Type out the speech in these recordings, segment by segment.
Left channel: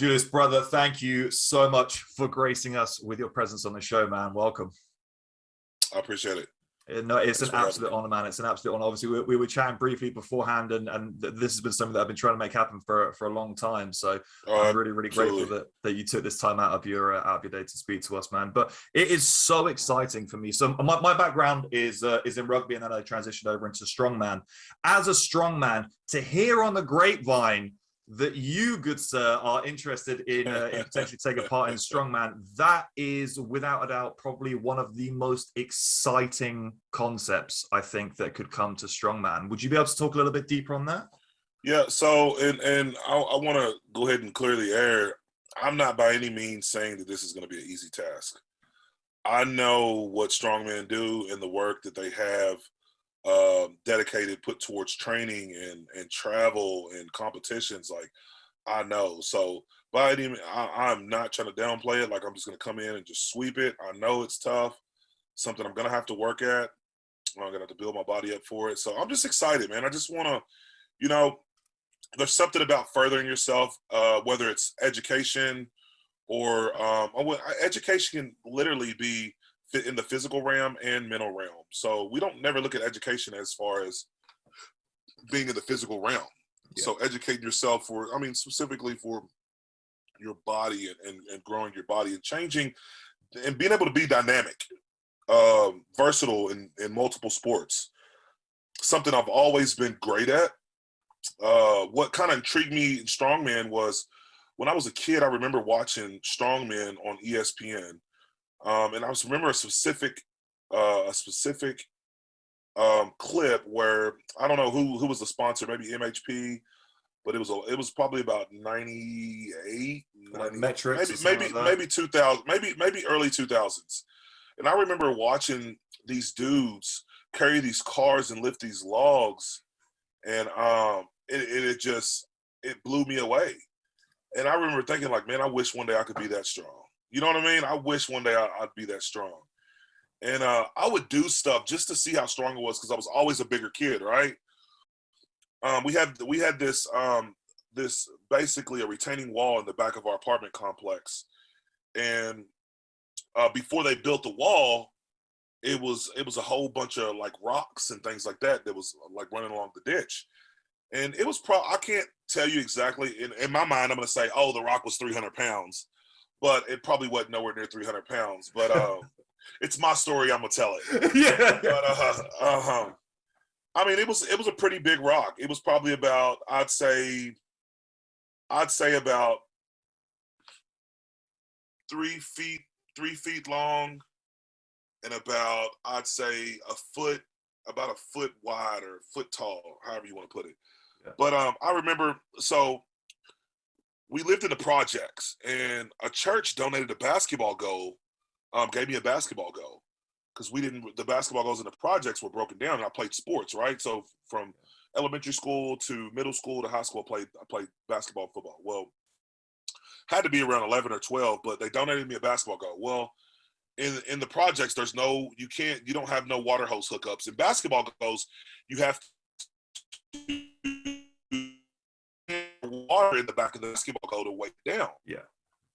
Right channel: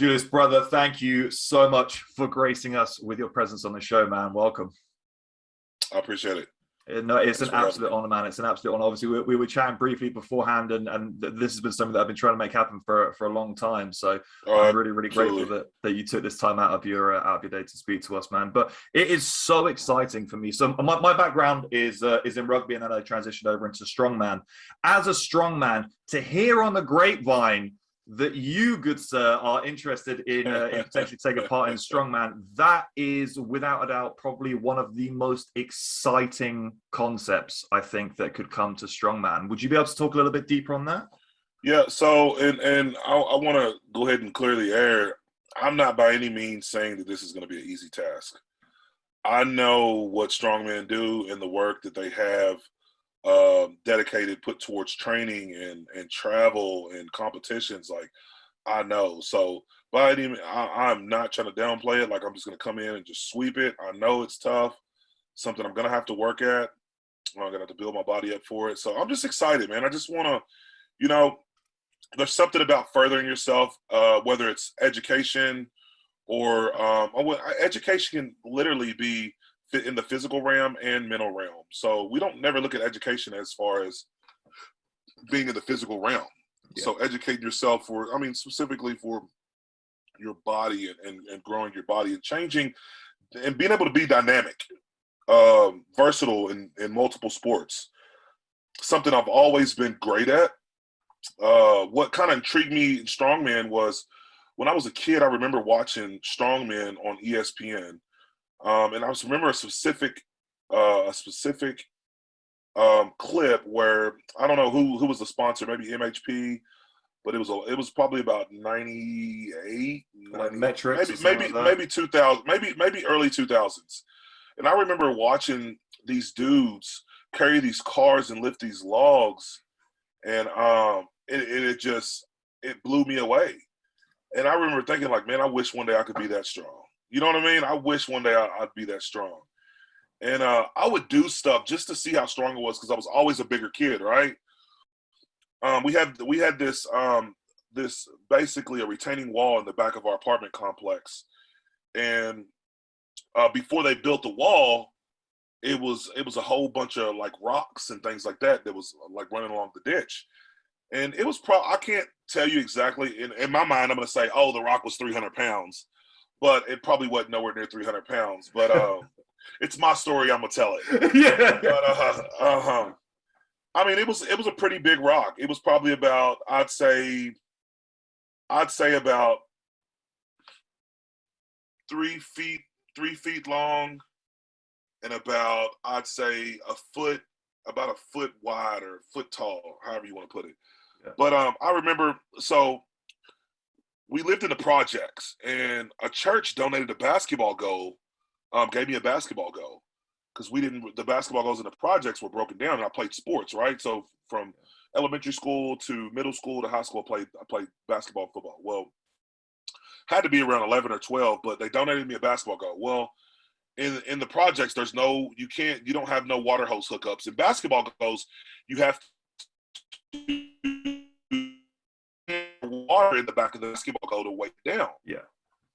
Julius, brother, thank you so much for gracing us with your presence on the show, man. Welcome. I appreciate it. No, it's an absolute honor, man. It's an absolute honor. Obviously, we were chatting briefly beforehand, and this has been something that I've been trying to make happen for a long time. So I'm really grateful that you took this time out of your day to speak to us, man. But it is so exciting for me. So my background is in rugby, and then I transitioned over into strongman. As a strongman, to hear on the grapevine that you, good sir, are interested in potentially taking part in strongman, that is without a doubt probably one of the most exciting concepts I think that could come to strongman. Would you be able to talk a little bit deeper on that? Yeah, so and I want to go ahead and clear the air. I'm not by any means saying that this is going to be an easy task. I know what strongmen do and the work that they have dedicated, put towards training and travel and competitions. Like, I know. So by any, I'm not trying to downplay it. Like, I'm just going to come in and just sweep it. I know it's tough, something I'm going to have to work at. I'm going to have to build my body up for it. So I'm just excited, man. I just want to, you know, there's something about furthering yourself, whether it's education or education can literally be in the physical realm and mental realm. So we don't never look at education as far as being in the physical realm. Yeah. So educating yourself specifically for your body and growing your body and changing and being able to be dynamic, versatile in multiple sports. Something I've always been great at. What kind of intrigued me in strongman was when I was a kid, I remember watching strongman on ESPN. And I just remember a specific clip where I don't know who was the sponsor, maybe MHP, but it was probably about 98, Metrics, maybe 2000, maybe early 2000s. And I remember watching these dudes carry these cars and lift these logs, and it blew me away. And I remember thinking, like, man, I wish one day I could be that strong. You know what I mean? I wish one day I'd be that strong. And I would do stuff just to see how strong it was because I was always a bigger kid, right? We had this basically a retaining wall in the back of our apartment complex. And before they built the wall, it was a whole bunch of like rocks and things like that was like running along the ditch. And it was I can't tell you exactly. In my mind, I'm going to say, oh, the rock was 300 pounds. But it probably wasn't nowhere near 300 pounds. But it's my story. I'm gonna tell it. Yeah. But I mean, it was a pretty big rock. It was probably about I'd say about 3 feet long, and about I'd say about a foot wide or a foot tall, however you want to put it. Yeah. But I remember we lived in the projects, and a church donated a basketball goal, gave me a basketball goal, because the basketball goals in the projects were broken down, and I played sports, right? So from elementary school to middle school to high school, I played basketball, football. Well, had to be around 11 or 12, but they donated me a basketball goal. Well, in the projects, you don't have no water hose hookups. In basketball goals, you have to water in the back of the basketball goal to weigh it down. Yeah.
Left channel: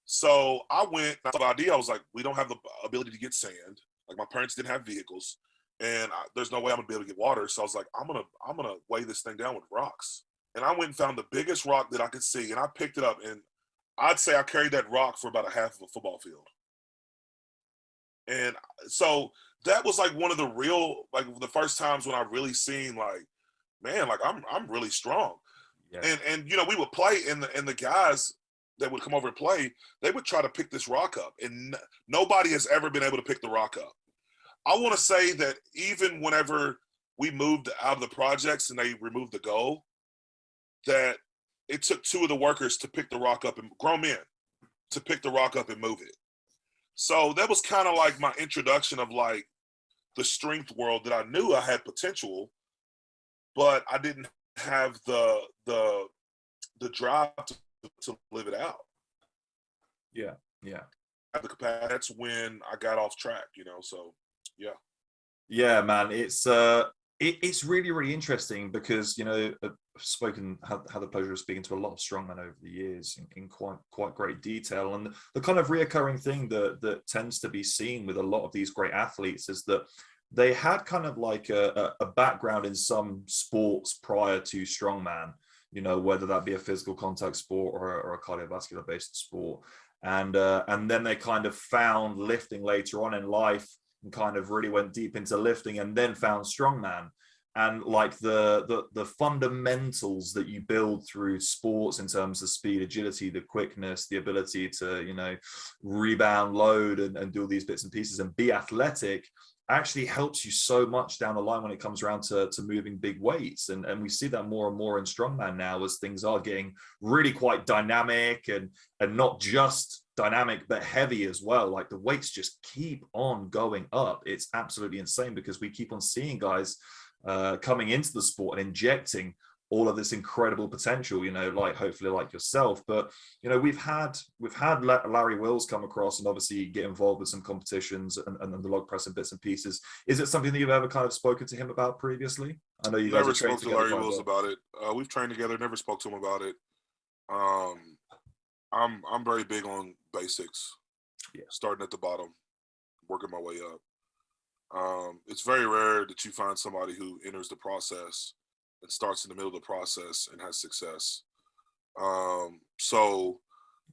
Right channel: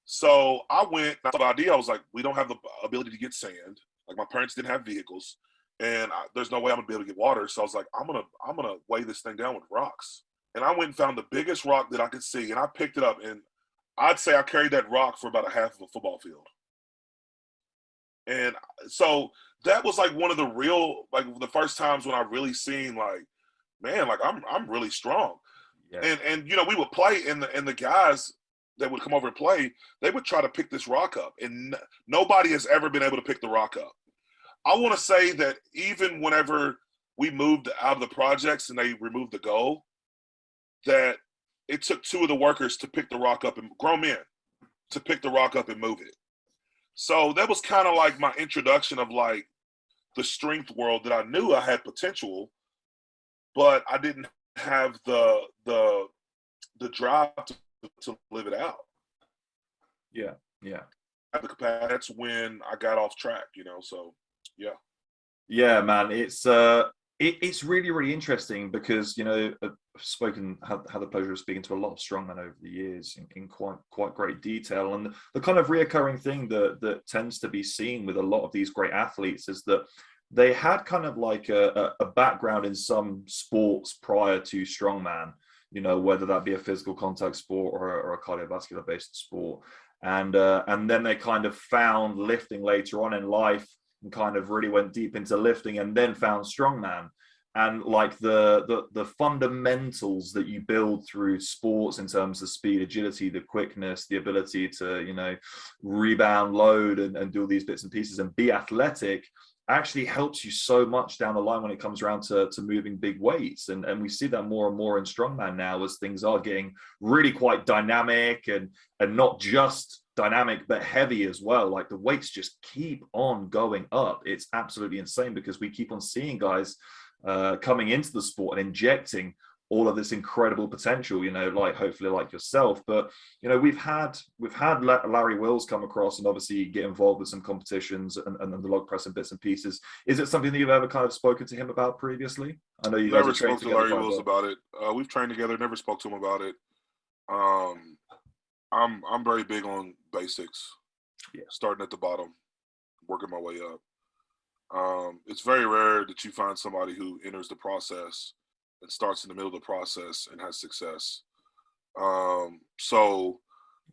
So I the idea, I was like, we don't have the ability to get sand. Like, my parents didn't have vehicles, and there's no way I'm gonna be able to get water. So I was like, I'm gonna weigh this thing down with rocks. And I went and found the biggest rock that I could see, and I picked it up, and I'd say I carried that rock for about a half of a football field. And so that was like one of the first times when I really seen, like, man, like I'm really strong. Yeah. And we would play, and the guys that would come over and play, they would try to pick this rock up, and nobody has ever been able to pick the rock up. I want to say that even whenever we moved out of the projects and they removed the goal, that it took 2 of the workers to pick the rock up, and grown men to pick the rock up and move it. So that was kind of like my introduction of like the strength world, that I knew I had potential, but I didn't have the drive to live it out. Yeah. That's when I got off track, so yeah. Yeah, man, it's It's really, really interesting because, you know, had the pleasure of speaking to a lot of strongmen over the years in quite great detail. And the kind of reoccurring thing that tends to be seen with a lot of these great athletes is that they had kind of like a background in some sports prior to strongman, you know, whether that be a physical contact sport or a cardiovascular based sport. And then they kind of found lifting later on in life and kind of really went deep into lifting and then found strongman. And like the fundamentals that you build through sports in terms of speed, agility, the quickness, the ability to, you know, rebound, load, and do all these bits and pieces and be athletic actually helps you so much down the line when it comes around to moving big weights. And we see that more and more in strongman now as things are getting really quite dynamic and not just dynamic but heavy as well. Like the weights just keep on going up. It's absolutely insane because we keep on seeing guys coming into the sport and injecting all of this incredible potential, you know, like hopefully like yourself. But you know, we've had Larry Wills come across and obviously get involved with some competitions and the log press and bits and pieces. Is it something that you've ever kind of spoken to him about previously? I know you guys never have trained spoke to Larry together Wills about it. We've trained together. Never spoke to him about it. I'm very big on basics. Yeah. Starting at the bottom, working my way up. It's very rare that you find somebody who enters the process and starts in the middle of the process and has success. So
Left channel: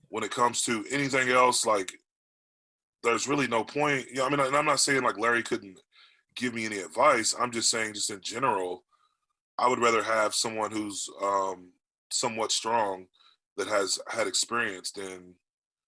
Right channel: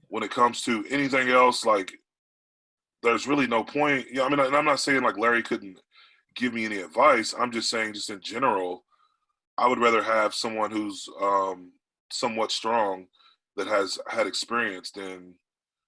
when it comes to anything else, like there's really no point. Yeah, I mean, and I'm not saying like Larry couldn't give me any advice. I'm just saying, just in general, I would rather have someone who's somewhat strong that has had experience than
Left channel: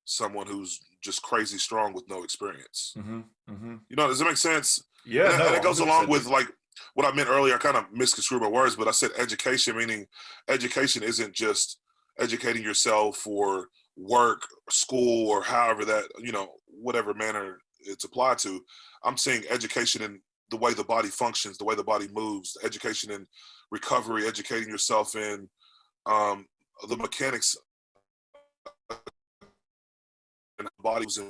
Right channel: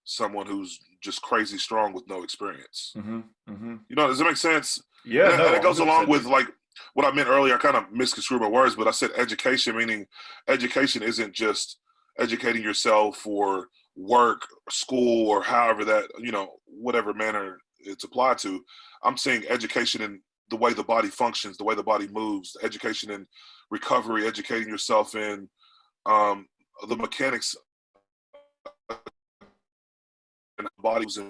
someone who's just crazy strong with no experience. Mm-hmm, mm-hmm. You know, does that make sense? Yeah, and it goes along 100%. with like what I meant earlier. I kind of misconstrued my words, but I said education, meaning education isn't just educating yourself for work, school, or however that, you know, whatever manner it's applied to. I'm saying education in the way the body functions, the way the body moves, education in recovery, educating yourself in the mechanics and bodies and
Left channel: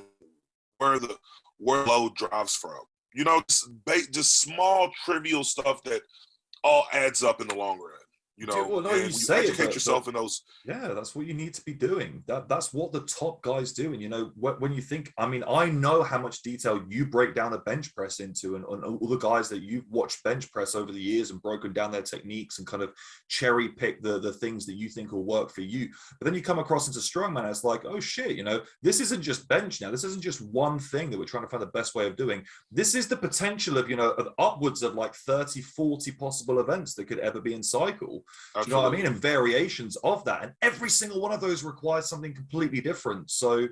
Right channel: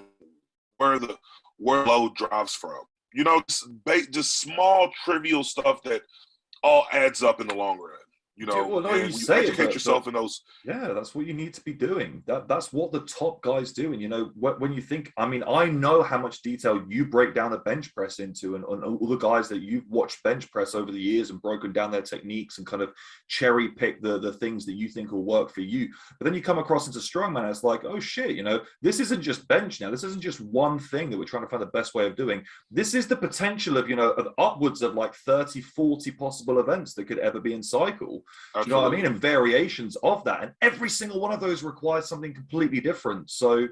where load drives from. You know, just small trivial stuff that all adds up in the long run. You know, well, no, and you when you say educate it, yourself in those. Yeah, that's what you need to be doing. That's what the top guys do. And you know, when you think, I mean, I know how much detail you break down a bench press into, and all the guys that you've watched bench press over the years and broken down their techniques and kind of cherry pick the things that you think will work for you. But then you come across into strongman, and it's like, oh shit, you know, this isn't just bench now. This isn't just one thing that we're trying to find the best way of doing. This is the potential of, you know, of upwards of like 30, 40 possible events that could ever be in cycle. Do you know what I mean? And variations of that. And every single one of those requires something completely different. So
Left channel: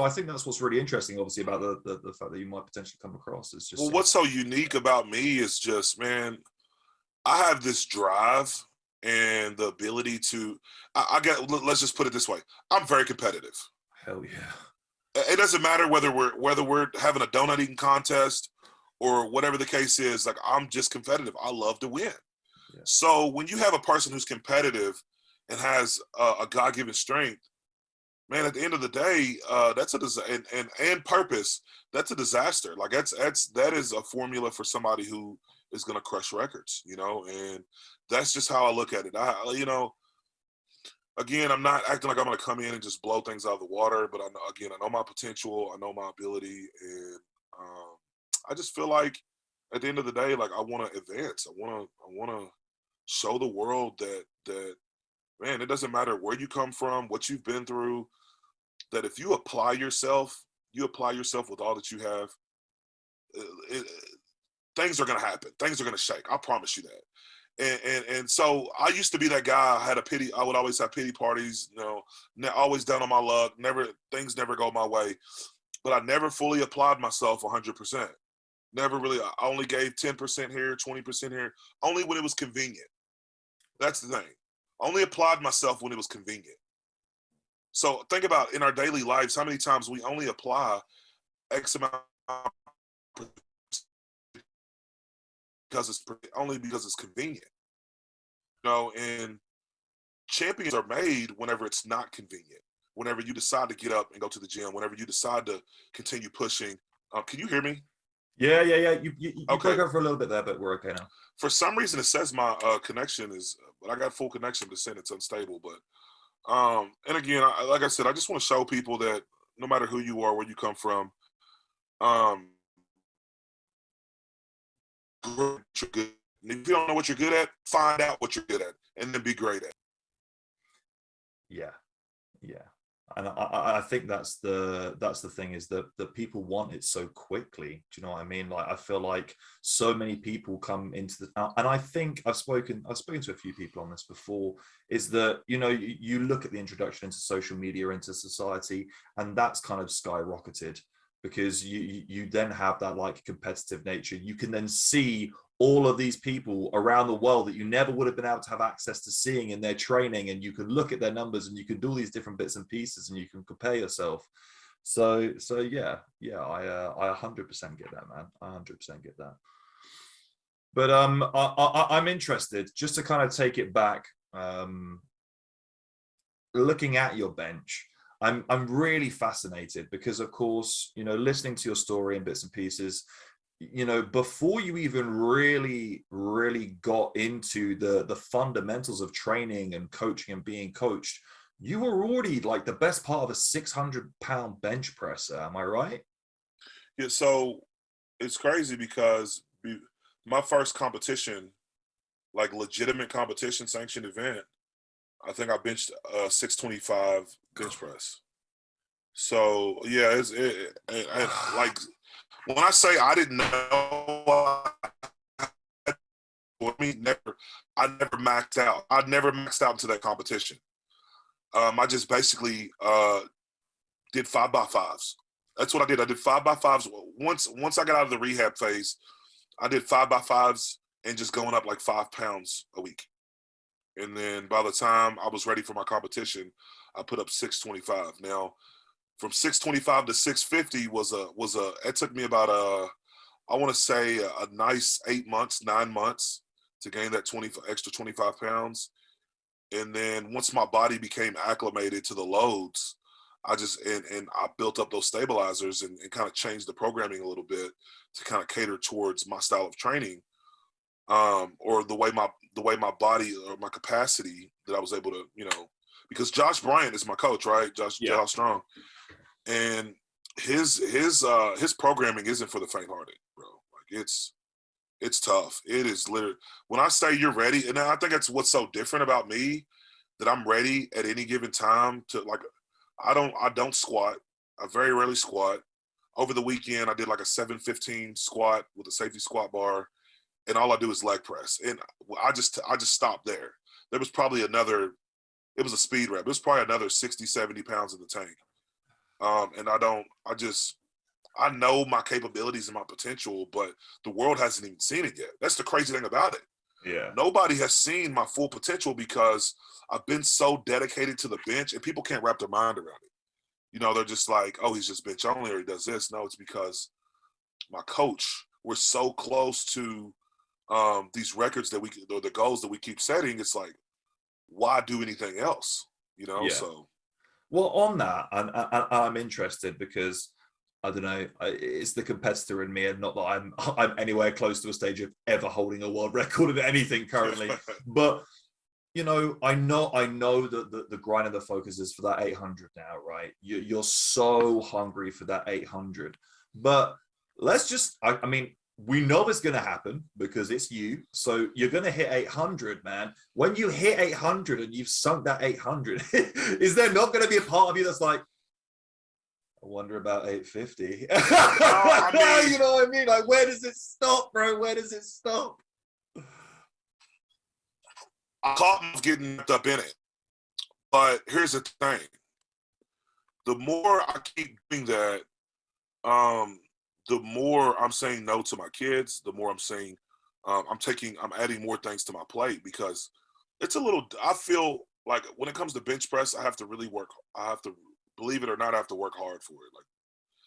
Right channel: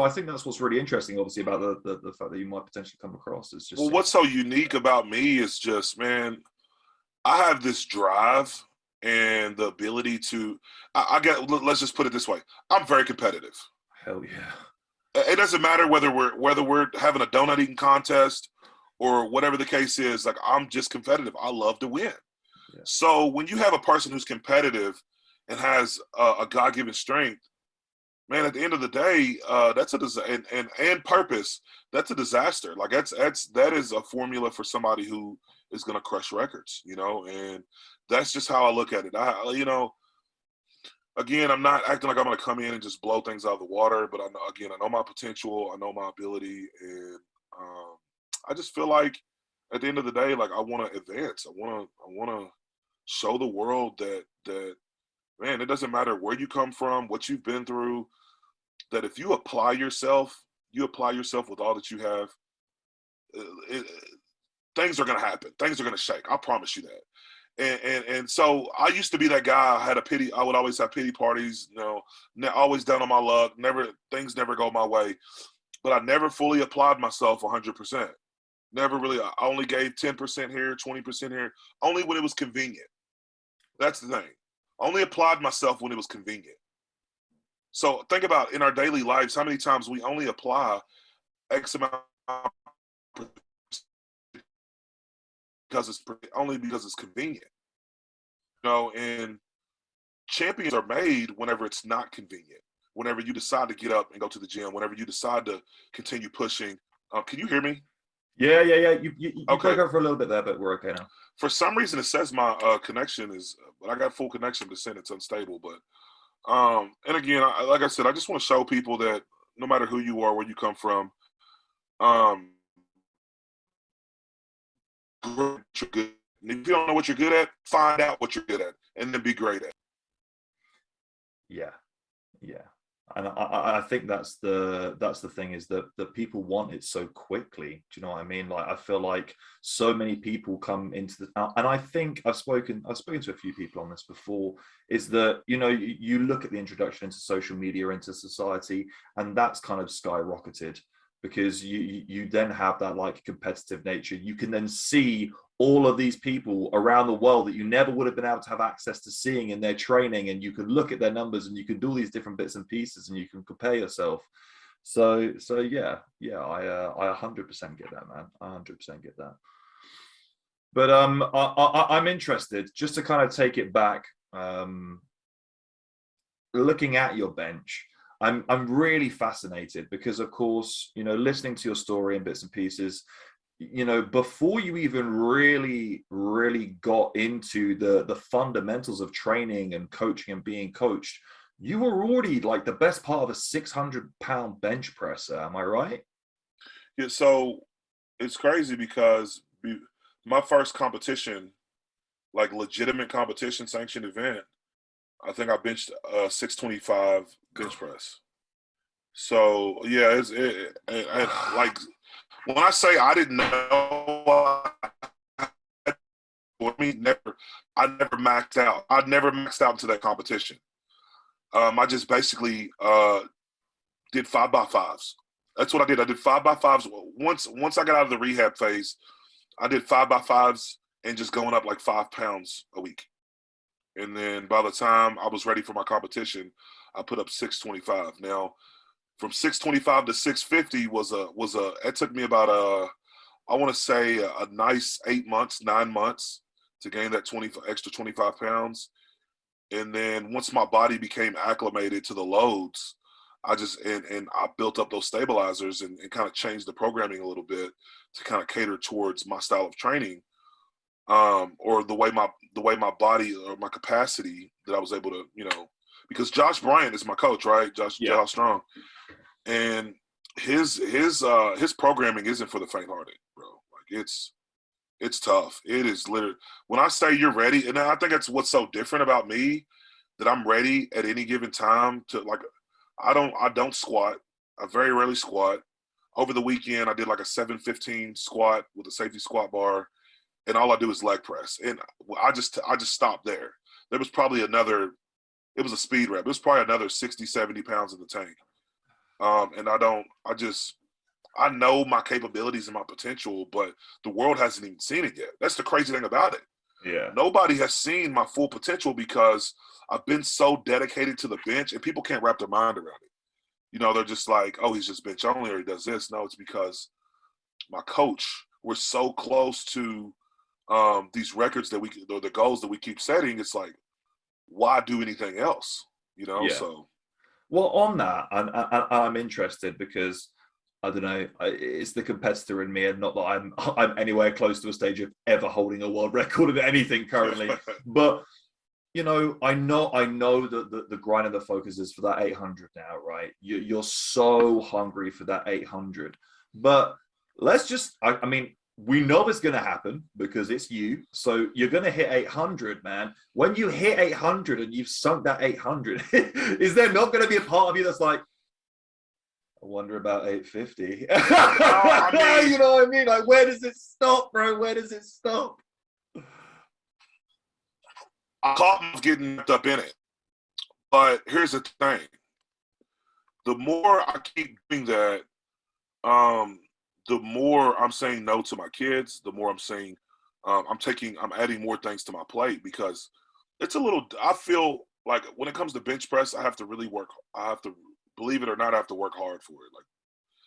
I think that's what's really interesting, obviously, about the fact that you might potentially come across. Is just, well, what's so unique about me is just, man, I have this drive and the ability to, I get, let's just put it this way. I'm very competitive. Hell yeah. It doesn't matter whether we're having a donut eating contest or whatever the case is. Like, I'm just competitive. I love to win. So when you have a person who's competitive and has a God-given strength, man, at the end of the day, that's a and purpose. That's a disaster. Like that is a formula for somebody who is going to crush records, you know. And that's just how I look at it. You know, again, I'm not acting like I'm going to come in and just blow things out of the water, but I know my potential, I know my ability, and I just feel like at the end of the day, like I want to advance. I want to show the world that man, it doesn't matter where you come from, what you've been through, that if you apply yourself with all that you have, things are going to happen. Things are going to shake. I promise you that. And so I used to be that guy. I would always have pity parties, you know, always down on my luck. Things never go my way, but I never fully applied myself 100%. Never really. I only gave 10% here, 20% here, only when it was convenient. That's the thing. I only applied myself when it was convenient. So think about in our daily lives, how many times we only apply X amount because it's convenient. You know, and champions are made whenever it's not convenient. Whenever you decide to get up and go to the gym, whenever you decide to continue pushing. Can you hear me? Yeah, yeah, yeah. You Okay. broke up for a little bit there, but we're okay now. For some reason, it says my connection is, but I got full connection, but saying it's unstable. But and again, like I said, I just want to show people that no matter who you are, where you come from, um, you're good. And if you don't know what you're good at, find out what you're good at, and then be great at it. Yeah, yeah. And I think that's the thing, is that people want it so quickly. Do you know what I mean? Like, I feel like so many people come into the, and I think I've spoken to a few people on this before, is that, you know, you look at the introduction into social media, into society, and that's kind of skyrocketed, because you then have that like competitive nature. You can then see all of these people around the world that you never would have been able to have access to seeing in their training, and you can look at their numbers, and you can do all these different bits and pieces, and you can compare yourself. So yeah, I 100% get that, man. I 100% get that. But I'm interested, just to kind of take it back, looking at your bench. I'm really fascinated because, of course, you know, listening to your story and bits and pieces, you know, before you even really got into the fundamentals of training and coaching and being coached, you were already like the best part of a 600-pound bench presser. Am I right? Yeah, so it's crazy because my first competition, like legitimate competition, sanctioned event, I think I benched 625 bench press. So yeah, like when I say I didn't know, I mean I never maxed out. I never maxed out into that competition. I just basically did 5x5s. That's what I did. I did 5x5s. Once I got out of the rehab phase, I did 5x5s and just going up like 5 pounds a week. And then by the time I was ready for my competition, I put up 625. Now, from 625 to 650 was a it took me about I want to say a nice 8 months, 9 months to gain that extra 25 pounds. And then once my body became acclimated to the loads, I just and I built up those stabilizers and kind of changed the programming a little bit to kind of cater towards my style of training, or the way my body or my capacity that I was able to, you know, because Josh Bryant is my coach, right? Josh Strong, and his programming isn't for the faint-hearted, bro. Like it's tough. It is literally, when I say you're ready, and I think that's what's so different about me, that I'm ready at any given time to, like, I don't squat. I very rarely squat. Over the weekend, I did like a 715 squat with a safety squat bar, and all I do is leg press. And I just stopped there. There was probably another, it was a speed rep. It was probably another 60, 70 pounds in the tank. And I know my capabilities and my potential, but the world hasn't even seen it yet. That's the crazy thing about it. Yeah. Nobody has seen my full potential because I've been so dedicated to the bench, and people can't wrap their mind around it. You know, they're just like, oh, he's just bench only, or he does this. No, it's because my coach, we're so close to these records that or the goals that we keep setting. It's like, why do anything else? You know, Yeah. so. Well, on that, I'm interested because, I don't know, it's the competitor in me, and not that I'm anywhere close to a stage of ever holding a world record of anything currently. But, you know, I know that the grind and the focus is for that 800 now, right? You're so hungry for that 800. But let's just, I mean, we know it's going to happen because it's you. So you're going to hit 800, man. When you hit 800 and you've sunk that 800, is there not going to be a part of you that's like, I wonder about 850? I mean, you know what I mean? Like, where does it stop, bro? Where does it stop? I caught myself getting up in it. But here's the thing. The more I keep doing that, the more I'm saying no to my kids, the more I'm saying I'm adding more things to my plate, because it's a little, I feel like when it comes to bench press, I have to really work. I have to, believe it or not, I have to work hard for it. Like,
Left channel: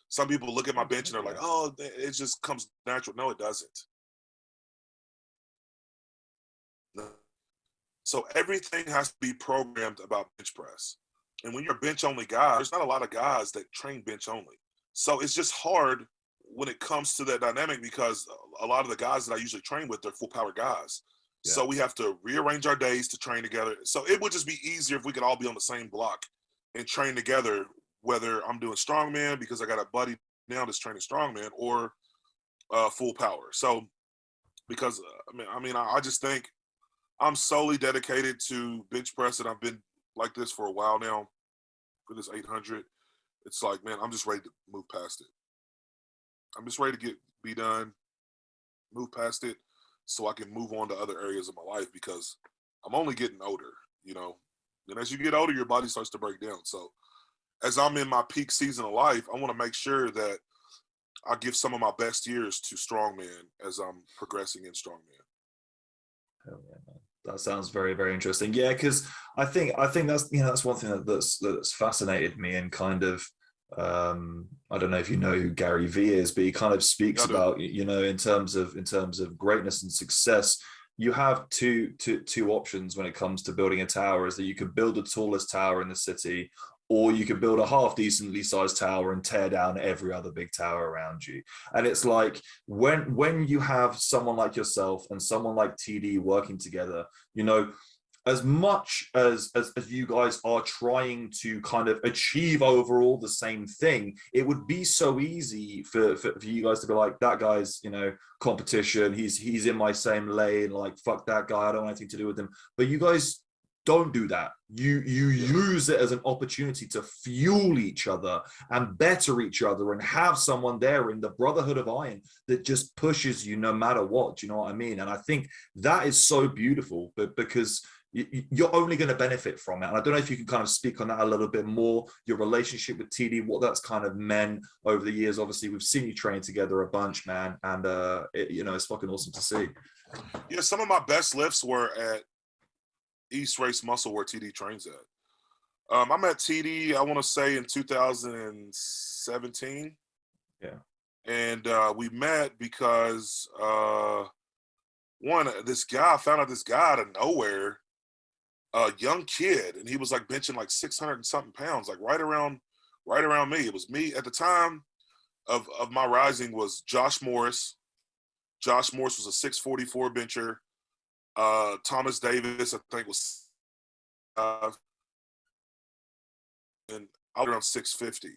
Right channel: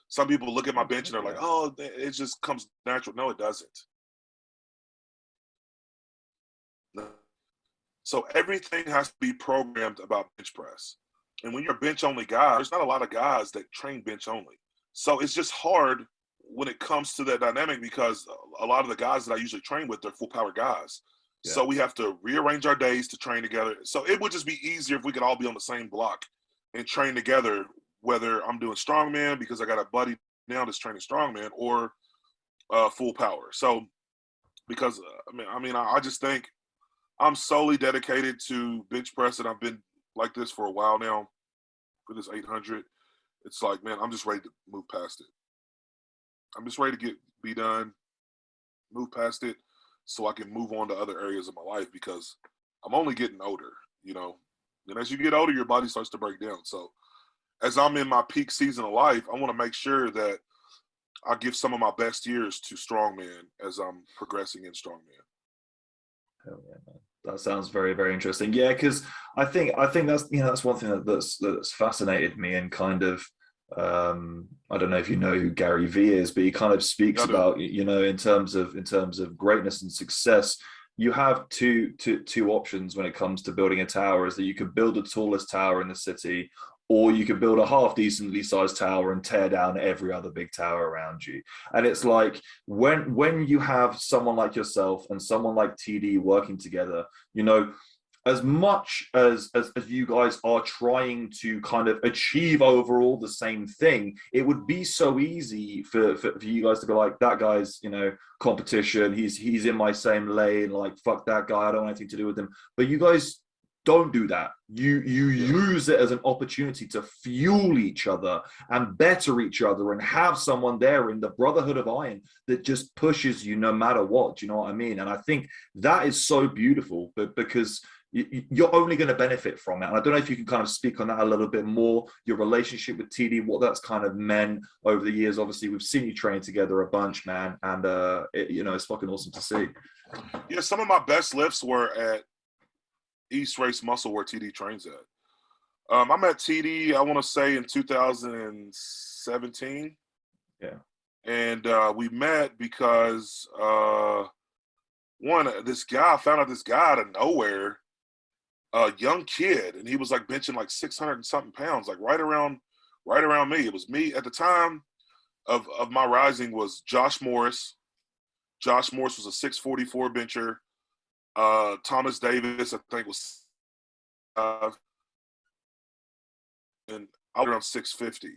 some people look at my bench and they're like, oh, it just comes natural. No, it doesn't. No. So everything has to be programmed about bench press. And when you're a bench only guy, there's not a lot of guys that train bench only. So it's just hard when it comes to that dynamic, because a lot of the guys that I usually train with, they're full power guys. Yeah. So we have to rearrange our days to train together. So it would just be easier if we could all be on the same block and train together, whether I'm doing strongman because I got a buddy now that's training strongman, or full power. So because I just think I'm solely dedicated to bench press, and I've been like this for a while now for this 800. It's like, man, I'm just ready to move past it. I'm just ready to be done, move past it, so I can move on to other areas of my life, because I'm only getting older, you know. And as you get older, your body starts to break down. So as I'm in my peak season of life, I want to make sure that I give some of my best years to strongman as I'm progressing in strongman. Hell yeah, man. That sounds very, very interesting. Yeah, because I think that's, you know, that's one thing that's fascinated me, and kind of I don't know if you know who Gary Vee is, but he kind of speaks about, you know, in terms of greatness and success, you have two options when it comes to building a tower. Is that you could build the tallest tower in the city, or you could build a half decently sized tower and tear down every other big tower around you. And it's like, when you have someone like yourself and someone like TD working together, you know, as much as you guys are trying to kind of achieve overall the same thing, it would be so easy for you guys to be like, that guy's, you know, competition, he's in my same lane, like, fuck that guy, I don't want anything to do with him. But you guys don't do that. You use it as an opportunity to fuel each other and better each other, and have someone there in the Brotherhood of Iron that just pushes you no matter what. Do you know what I mean? And I think that is so beautiful, but because you're only going to benefit from it. And I don't know if you can kind of speak on that a little bit more, your relationship with TD, what that's kind of meant over the years. Obviously, we've seen you train together a bunch, man, and you know, it's fucking awesome to see. Yeah, some of my best lifts were at East Race Muscle, where TD trains at. I met TD, I want to say, in 2017. Yeah. And we met because I found out this guy out of nowhere, a young kid, and he was like benching like 600 and something pounds, like right around me. It was me at the time of my rising was Josh Morris. Josh Morris was a 644 bencher. Thomas Davis, I think, was and I was around 650.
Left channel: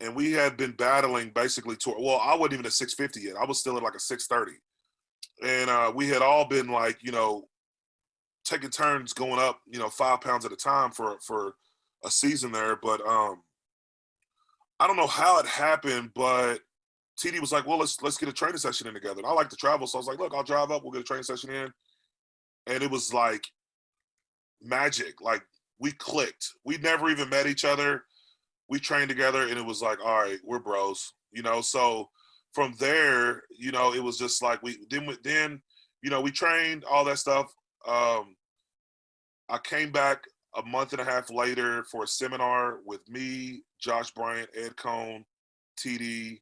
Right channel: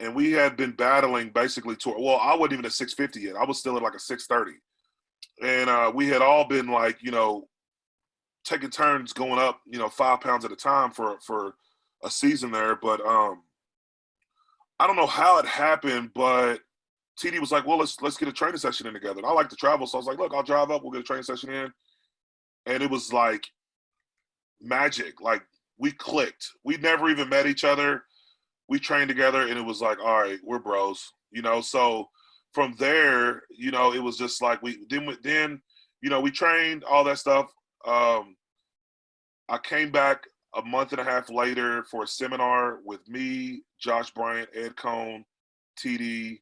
And we had been battling basically well, I wasn't even at 650 yet. I was still at like a 630. And we had all been like, you know, taking turns going up, you know, 5 pounds at a time for a season there. But I don't know how it happened, but TD was like, well, let's get a training session in together. And I like to travel, so I was like, look, I'll drive up, we'll get a training session in. And it was like magic. Like, we clicked. We never even met each other. We trained together, and it was like, all right, we're bros, you know. So from there, you know, it was just like then you know, we trained, all that stuff. I came back a month and a half later for a seminar with me, Josh Bryant, Ed Cohn, TD,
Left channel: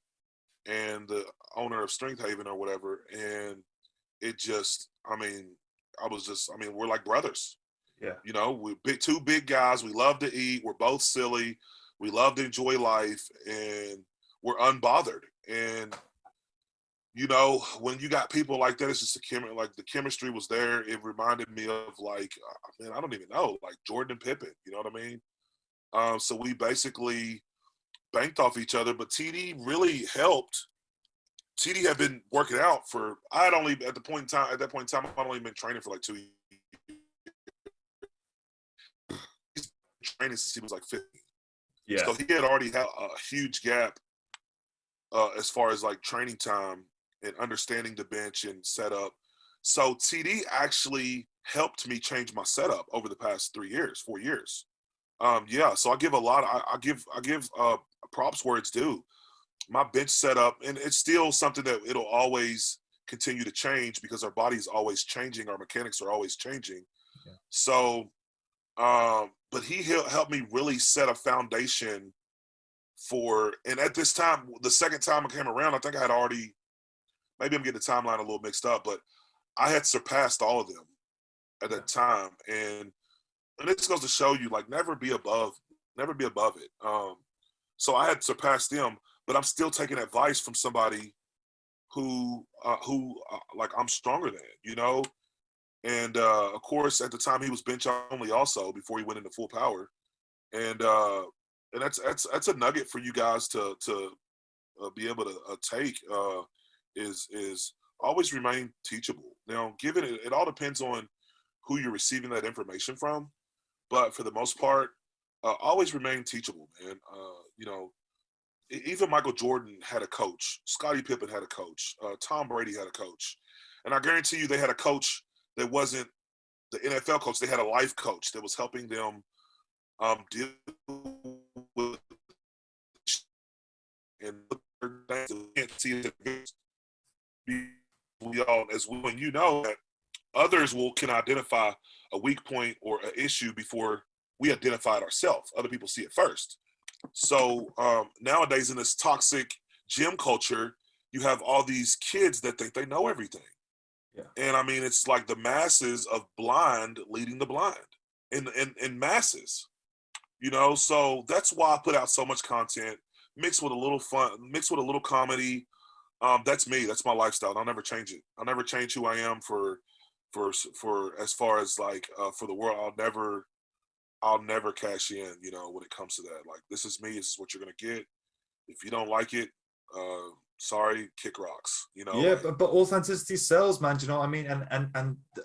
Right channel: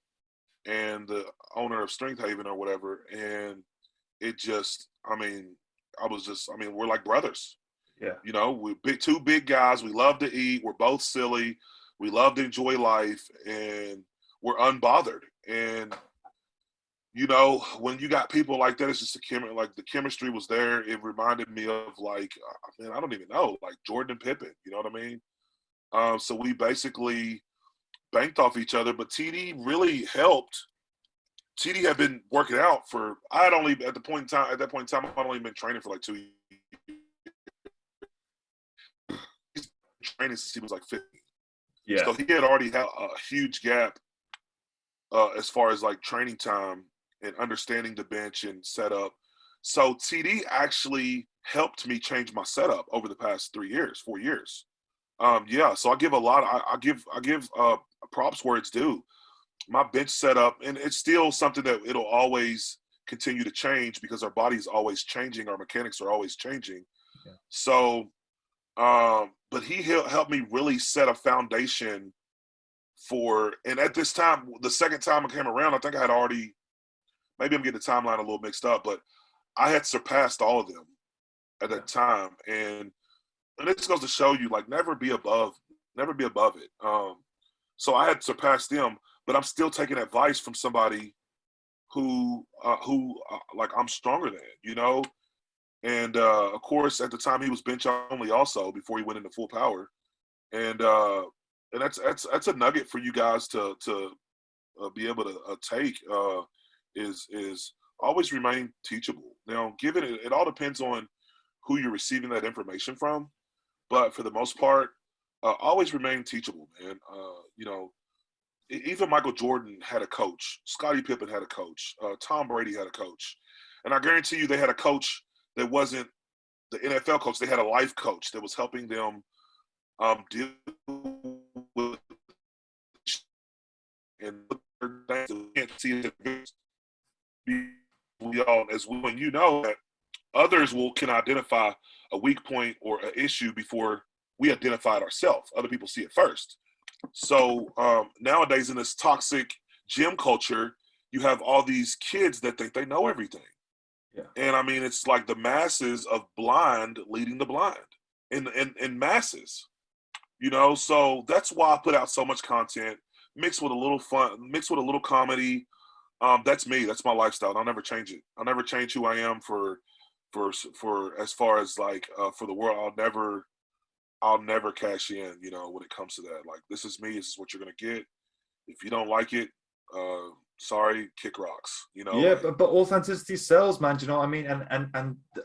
and the owner of Strength Haven or whatever. And it just, we're like brothers. Yeah. You know, we're two big guys. We love to eat. We're both silly. We love to enjoy life, and we're unbothered. And, you know, when you got people like that, it's just the chemistry was there. It reminded me of, like, I don't even know, like Jordan and Pippen, you know what I mean? So we basically banked off each other, but TD really helped. TD had been working out for, at that point in time, I'd only been training for like 2 years. He's been training since he was like 50. Yeah. So he had already had a huge gap as far as like training time and understanding the bench and setup. So TD actually helped me change my setup over the past 4 years. Yeah, so I give a lot. I give props where it's due. My bench setup, and it's still something that it'll always continue to change because our body's always changing, our mechanics are always changing. Yeah. So, but he helped me really set a foundation for. And at this time, the second time I came around, I think I had already. Maybe I'm getting the timeline a little mixed up, but I had surpassed all of them at that time, and it just goes to show you, like, never be above it. So I had surpassed them, but I'm still taking advice from somebody who like I'm stronger than, you know. And of course, at the time he was bench only also before he went into full power. And that's a nugget for you guys to be able to take is always remain teachable. Now, given it all depends on who you're receiving that information from, but for the most part, always remain teachable, man. You know, even Michael Jordan had a coach, Scottie Pippen had a coach, Tom Brady had a coach, and I guarantee you they had a coach that wasn't the NFL coach. They had a life coach that was helping them deal with and things that we can't see it. We all, as well, and you know that others can identify a weak point or an issue before we identify it ourselves. Other people see it first. So nowadays in this toxic gym culture, you have all these kids that think they know everything. Yeah. And I mean, it's like the masses of blind leading the blind in masses, you know? So that's why I put out so much content mixed with a little fun, mixed with a little comedy. That's me. That's my lifestyle. I'll never change it. I'll never change who I am for as far as like for the world. I'll never cash in, you know, when it comes to that. Like, this is me. This is what you're gonna get. If you don't like it, sorry, kick rocks. You know. Yeah, but authenticity sells, man. Do you know what I mean?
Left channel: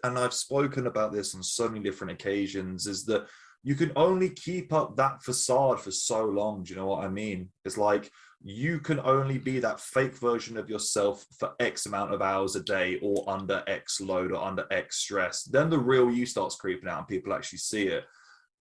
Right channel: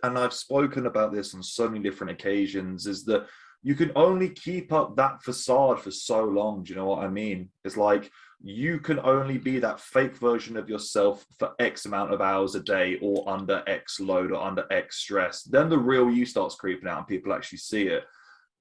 And I've spoken about this on so many different occasions. Is that you can only keep up that facade for so long. Do you know what I mean? It's like you can only be that fake version of yourself for X amount of hours a day, or under X load, or under X stress. Then the real you starts creeping out, and people actually see it.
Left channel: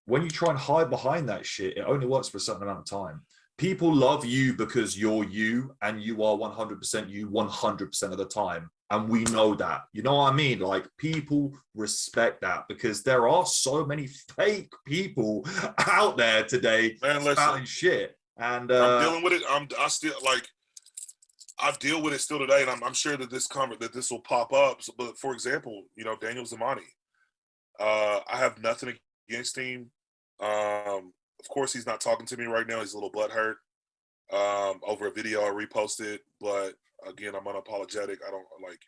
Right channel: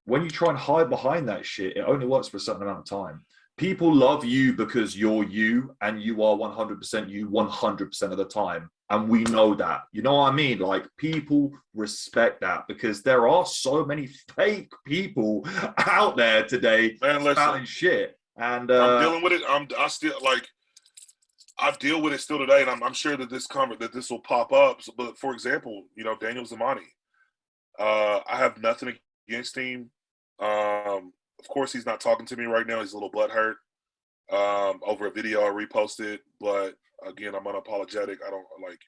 When you try and hide behind that shit, it only works for a certain amount of time. People love you because you're you, and you are 100% you 100% of the time. And we know that. You know what I mean? Like, people respect that because there are so many fake people out there today spouting shit. And I'm dealing with it. I still like, I deal with it still today, and I'm sure that this will pop up. So, but for example, you know, Daniel Zamani, I have nothing against him. Of course, he's not talking to me right now. He's a little butthurt over a video I reposted. But again, I'm unapologetic. I don't like,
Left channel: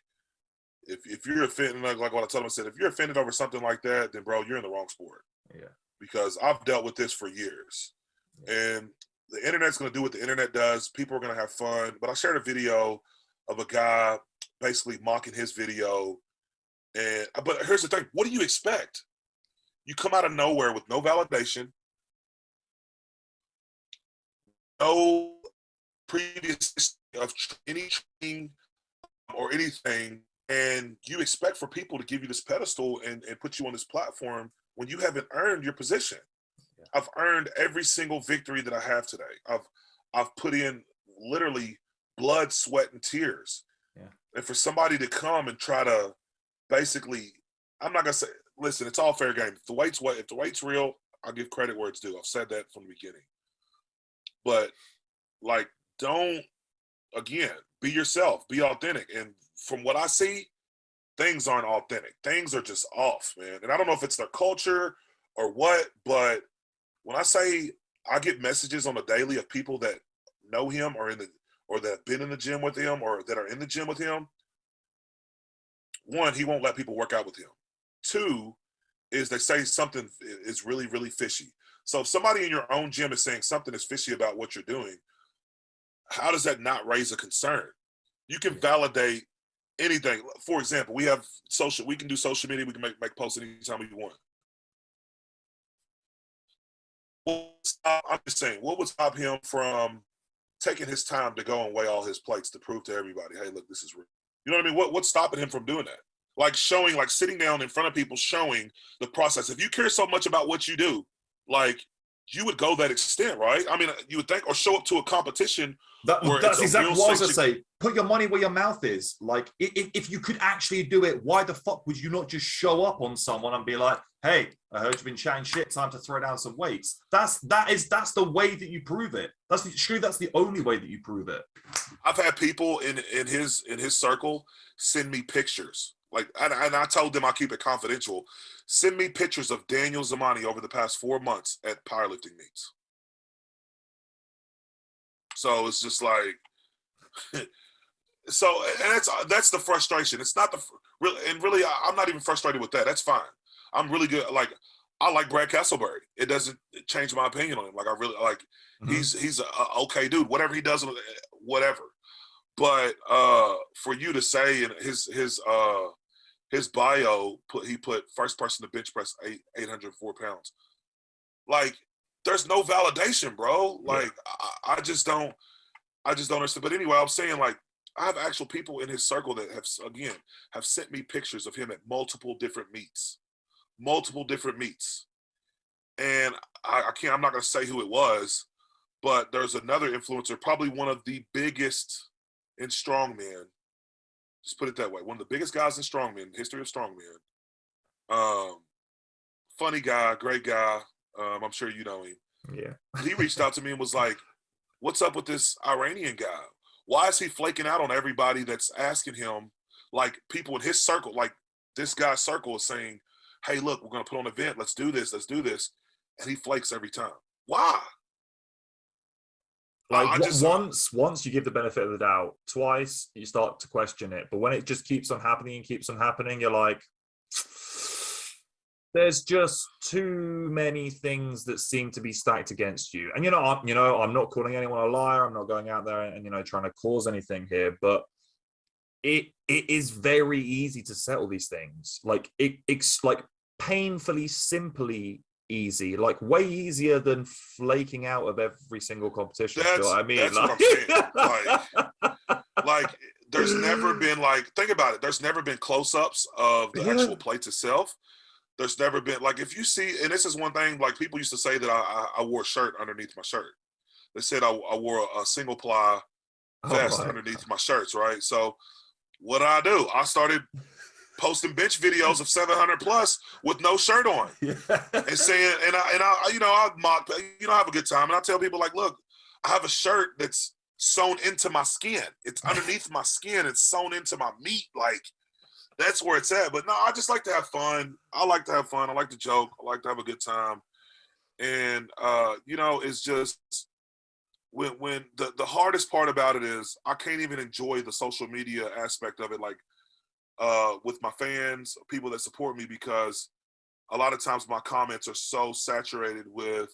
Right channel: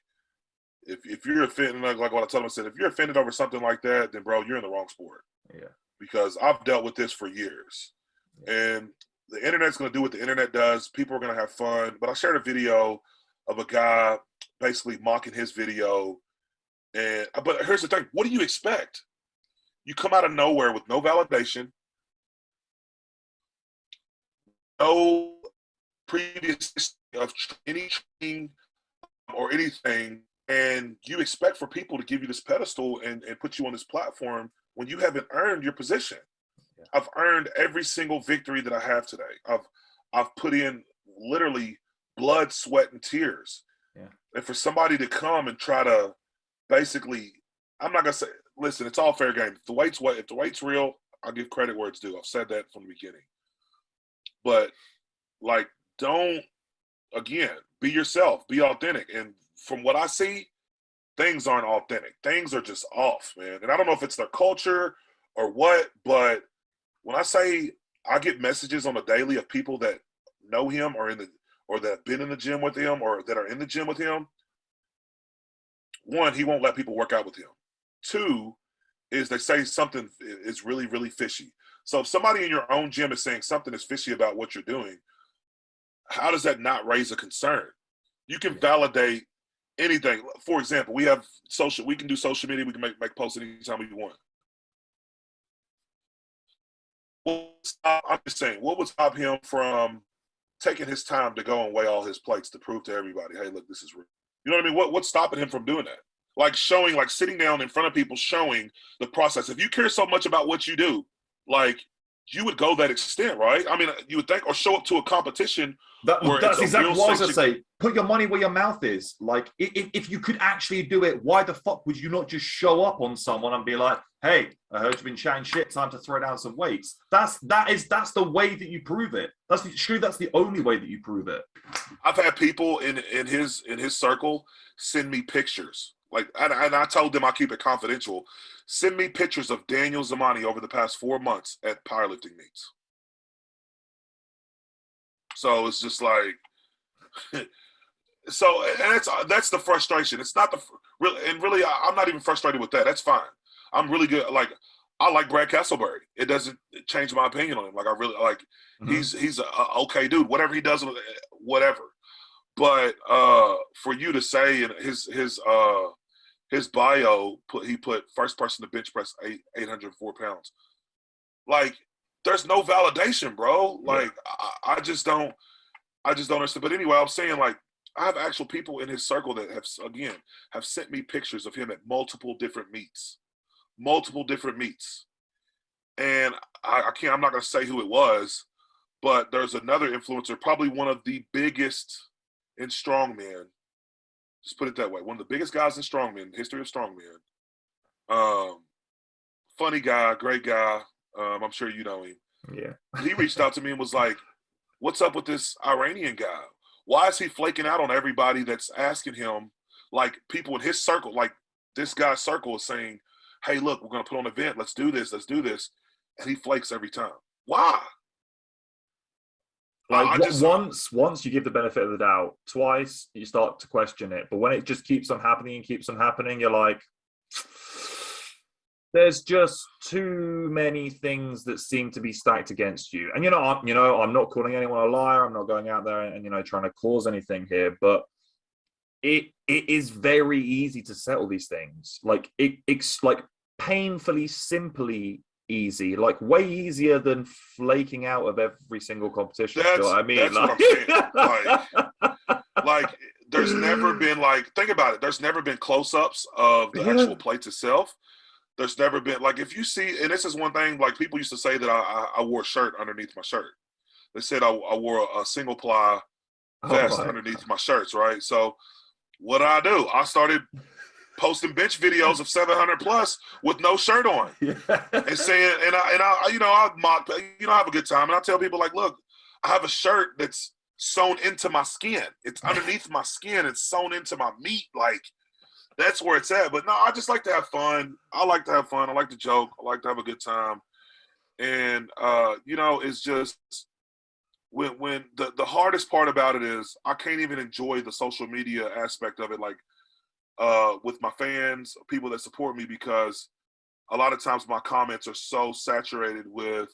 if you're offended, like what I told him, I said, if you're offended over something like that, then bro, you're in the wrong sport. Yeah. Because I've dealt with this for years, and the internet's going to do what the internet does. People are going to have fun. But I shared a video of a guy basically mocking his video. And but here's the thing: what do you expect? You come out of nowhere with no validation, no previous history of any training or anything, and you expect for people to give you this pedestal and put you on this platform when you haven't earned your position. I've earned every single victory that I have today. I've put in literally blood, sweat, and tears. Yeah. And for somebody to come and try to basically, I'm not gonna say, listen, it's all fair game. If the weight's real, I'll give credit where it's due. I've said that from the beginning. But like, don't, again, be yourself, be authentic. And from what I see, things aren't authentic. Things are just off, man. And I don't know if it's their culture or what, but when I say I get messages on a daily of people that know him or that have been in the gym with him or that are in the gym with him, one, he won't let people work out with him. Two, is they say something is really, really fishy. So if somebody in your own gym is saying something is fishy about what you're doing, how does that not raise a concern? You can validate anything. For example, we can do social media, we can make posts anytime we want. I'm just saying, what would stop him from taking his time to go and weigh all his plates to prove to everybody, hey, look, this is real? You know what I mean? What's stopping him from doing that? Like showing, like sitting down in front of people, showing the process. If you care so much about what you do, like, you would go that extent, right? I mean, you would think, or show up to a competition. That's exactly what I was going to say. Put your money where your mouth is. Like, if you could actually do it, why the fuck would you not just show up on someone and be like, hey, I heard you've been chatting shit, time to throw down some weights. That's the way that you prove it. That's the only way that you prove it. I've had people in his circle send me pictures. Like, and I told them I keep it confidential. Send me pictures of Daniel Zamani over the past 4 months at powerlifting meets. So it's just like, so and that's the frustration. It's not the really. I'm not even frustrated with that. That's fine. I'm really good. Like I like Brad Castleberry. It doesn't change my opinion on him. Like I really like. He's a okay dude. Whatever he does, whatever. But for you to say in his bio, he put first person to bench press 804 pounds. Like, there's no validation, bro. Like, I just don't understand. But anyway, I'm saying, like, I have actual people in his circle that have sent me pictures of him at multiple different meets, and I'm not gonna say who it was, but there's another influencer, probably one of the biggest in strongman. Just put it that way. One of the biggest guys in strongman, history of strongman. Funny guy, great guy. I'm sure you know him. Yeah. He reached out to me and was like, "What's up with this Iranian guy? Why is he flaking out on everybody that's asking him?" Like people in his circle, like this guy's circle is saying, "Hey, look, we're gonna put on an event. Let's do this. And he flakes every time. Why? Like once you give the benefit of the doubt, twice you start to question it. But when it just keeps on happening, you're like, there's just too many things that seem to be stacked against you. And I'm not calling anyone a liar. I'm not going out there and trying to cause anything here. But it is very easy to settle these things. Like it's like painfully, simply easy, like way easier than flaking out of every single competition. You know what I mean? That's what I'm saying. Like there's never been think about it. There's never been close-ups of the actual plates itself. There's never been if you see, and this is one thing, like people used to say that I wore a shirt underneath my shirt. They said I wore a single ply vest underneath my shirts, right? So what did I do? I started posting bench videos of 700 plus with no shirt on, and saying, and I mock, I have a good time, and I tell people like, look, I have a shirt that's sewn into my skin. It's underneath my skin. It's sewn into my meat. Like that's where it's at. But no, I just like to have fun. I like to have fun. I like to joke. I like to have a good time. And it's just when the hardest part about it is I can't even enjoy the social media aspect of it. Like. With my fans, people that support me, because a lot of times my comments are so saturated with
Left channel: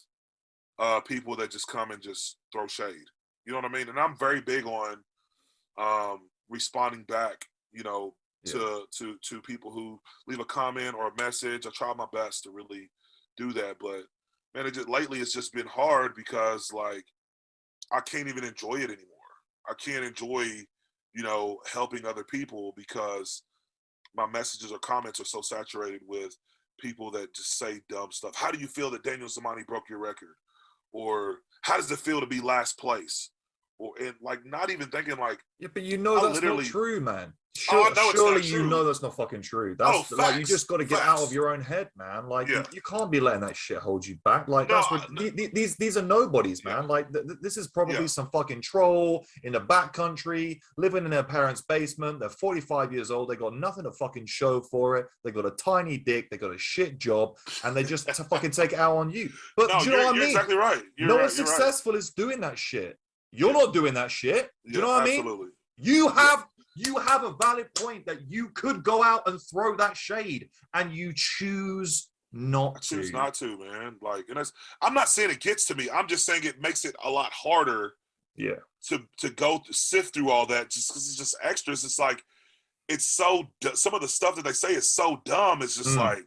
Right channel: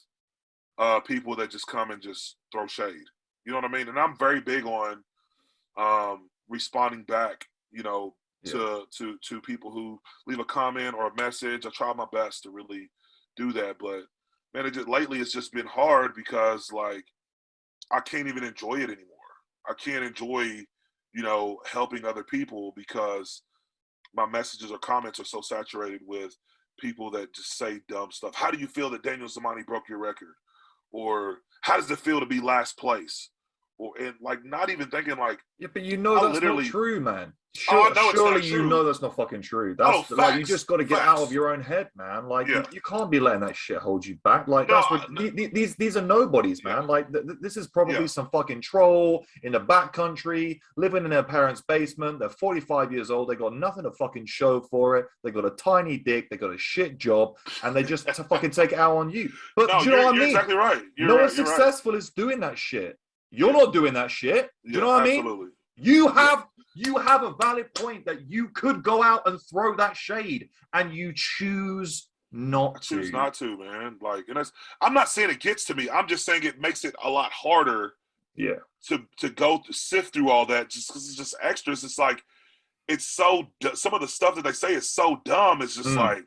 people that just come and just throw shade. You know what I mean? And I'm very big on responding back, to people who leave a comment or a message. I try my best to really do that. But man, lately it's just been hard because I can't even enjoy it anymore. I can't enjoy, helping other people because my messages or comments are so saturated with people that just say dumb stuff. How do you feel that Daniel Zamani broke your record? Or how does it feel to be last place? And not even thinking but that's not true, man. Surely you know that's not fucking true. That's you just got to get out of your own head, man. You can't be letting that shit hold you back. That's what these are nobodies, man. This is probably some fucking troll in the back country living in their parents' basement. They're 45 years old. They got nothing to fucking show for it. They got a tiny dick. They got a shit job, and they just to fucking take it out on you. But do you know what I mean? You're exactly right. No one successful is doing that shit. You're not doing that shit. Do you know what I mean? Absolutely. You have a valid point that you could go out and throw that shade, and you choose not to. Choose not to, man. And I'm not saying it gets to me. I'm just saying it makes it a lot harder. Yeah. To go sift through all that just because it's just extras. It's it's so some of the stuff that they say is so dumb. It's just I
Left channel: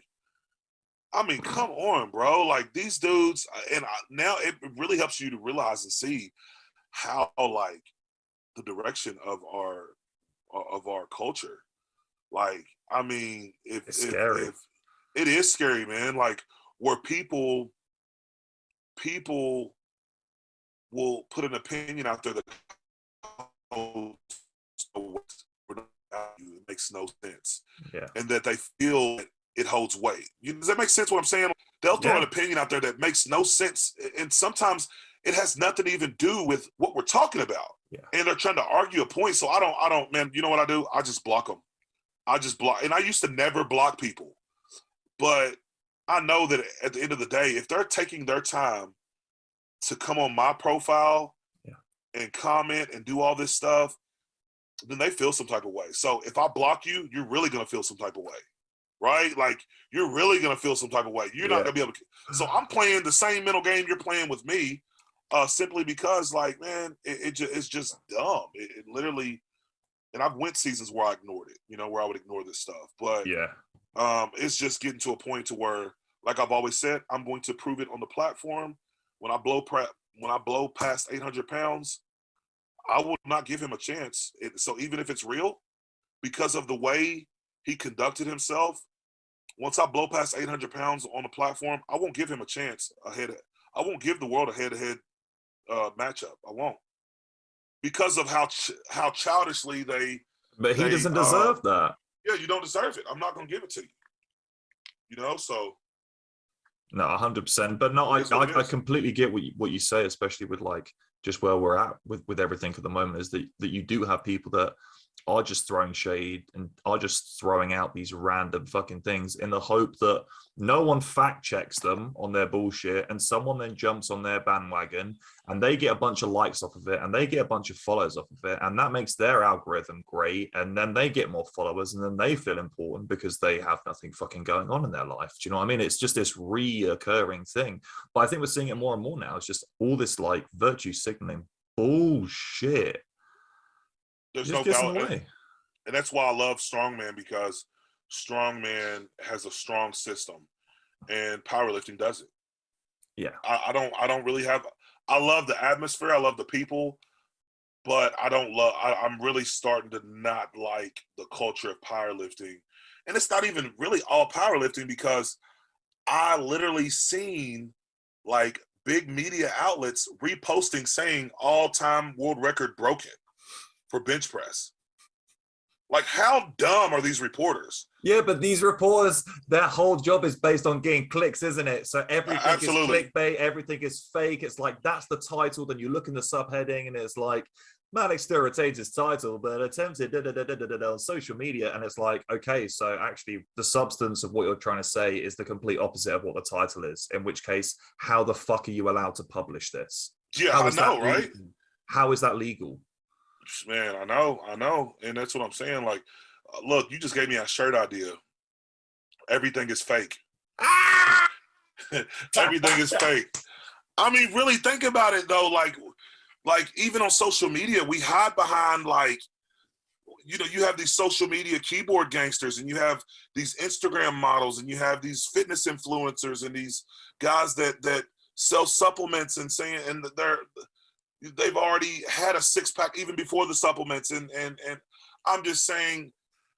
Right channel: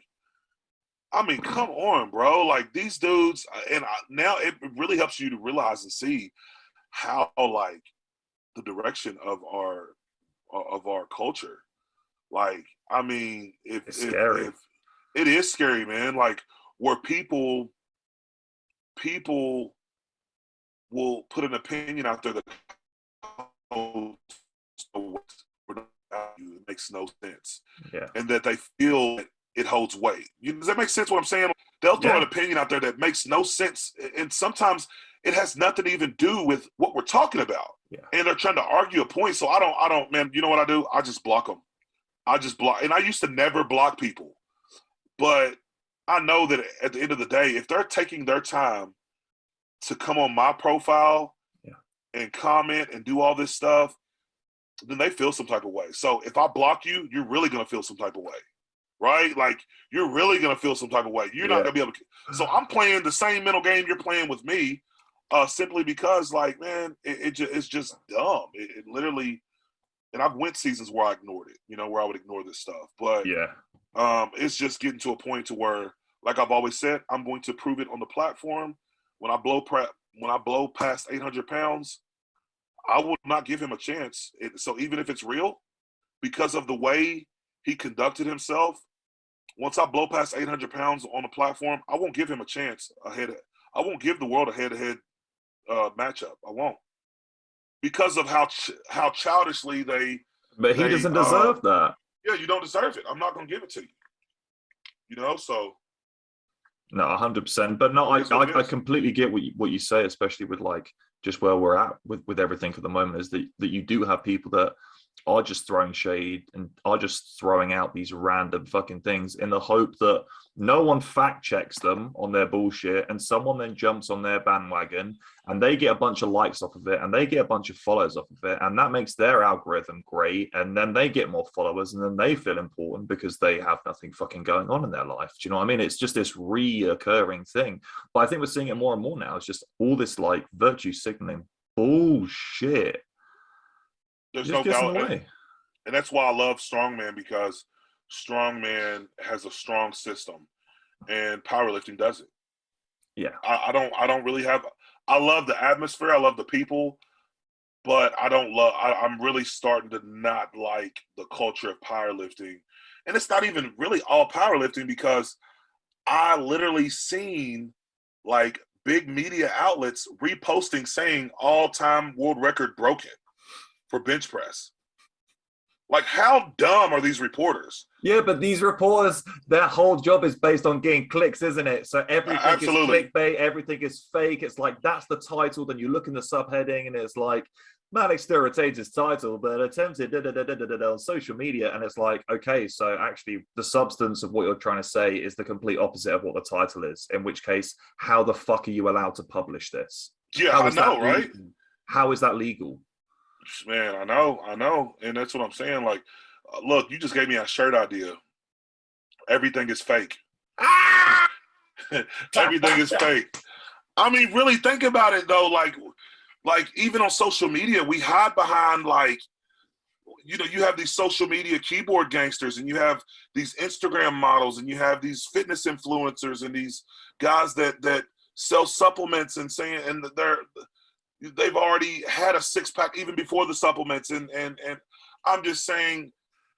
mean, come on, bro. These dudes, and now it really helps you to realize and see how the direction of our culture. I mean, it's scary. If it is scary, man. Where people will put an opinion out there that it makes no sense, and that they feel it holds weight. Does that make sense? What I'm saying? They'll throw an opinion out there that makes no sense, and sometimes it has nothing to even do with what we're talking about. And they're trying to argue a point. So I don't, man, you know what I do? I just block them. And I used to never block people, but I know that at the end of the day, if they're taking their time to come on my profile and comment and do all this stuff, then they feel some type of way. So if I block you, you're really going to feel some type of way, right? Like, you're really going to feel some type of way. You're not going to be able to. So I'm playing the same mental game you're playing with me, simply because, like, man, it's just dumb. It literally, and I've went seasons where I ignored it, where I would ignore this stuff. But it's just getting to a point to where, like I've always said, I'm going to prove it on the platform. When I blow past 800 pounds, I will not give him a chance. So even if it's real, because of the way he conducted himself, once I blow past 800 pounds on the platform, I won't give him a chance ahead. I won't give the world a head-to-head matchup. I won't, because of how childishly they. But he doesn't deserve that. Yeah, you don't deserve it. I'm not going to give it to you. So. No, 100%. But no, I completely get what you say, especially with like just where we're at with everything at the moment, is that you do have people that are just throwing shade and are just throwing out these random fucking things in the hope that no one fact checks them on their bullshit, and someone then jumps on their bandwagon and they get a bunch of likes off of it and they get a bunch of followers off of it, and that makes their algorithm great, and then they get more followers and then they feel important because they have nothing fucking going on in their life. Do you know what I mean? It's just this reoccurring thing. But I think we're seeing it more and more now. It's just all this like virtue signaling bullshit. There's no doubt, and that's why I love strongman, because strongman has a strong system, and powerlifting doesn't. Yeah, I don't really have. I love the atmosphere. I love the people, but I don't love. I'm really starting to not like the culture of powerlifting, and it's not even really all powerlifting, because I literally seen like big media outlets reposting saying all-time world record broken for bench press. Like, how dumb are these reporters? Yeah, but these reporters, their whole job is based on getting clicks, isn't it? So everything is clickbait, everything is fake. It's like, that's the title. Then you look in the subheading and it's like, Maddox still retains his title, but attempted on social media. And it's like, okay, so actually the substance of what you're trying to say is the complete opposite of what the title is. In which case, how the fuck are you allowed to publish this? Yeah, I know, right? How is that legal? Man, I know, and that's what I'm saying. Like, look, you just gave me a shirt idea. Everything is fake. Everything is fake. I mean, really think about it though. Like even on social media, we hide behind like, you have these social media keyboard gangsters, and you have these Instagram models, and you have these fitness influencers, and these guys that sell supplements and saying, and they've already had a six-pack even before the supplements, and I'm just saying,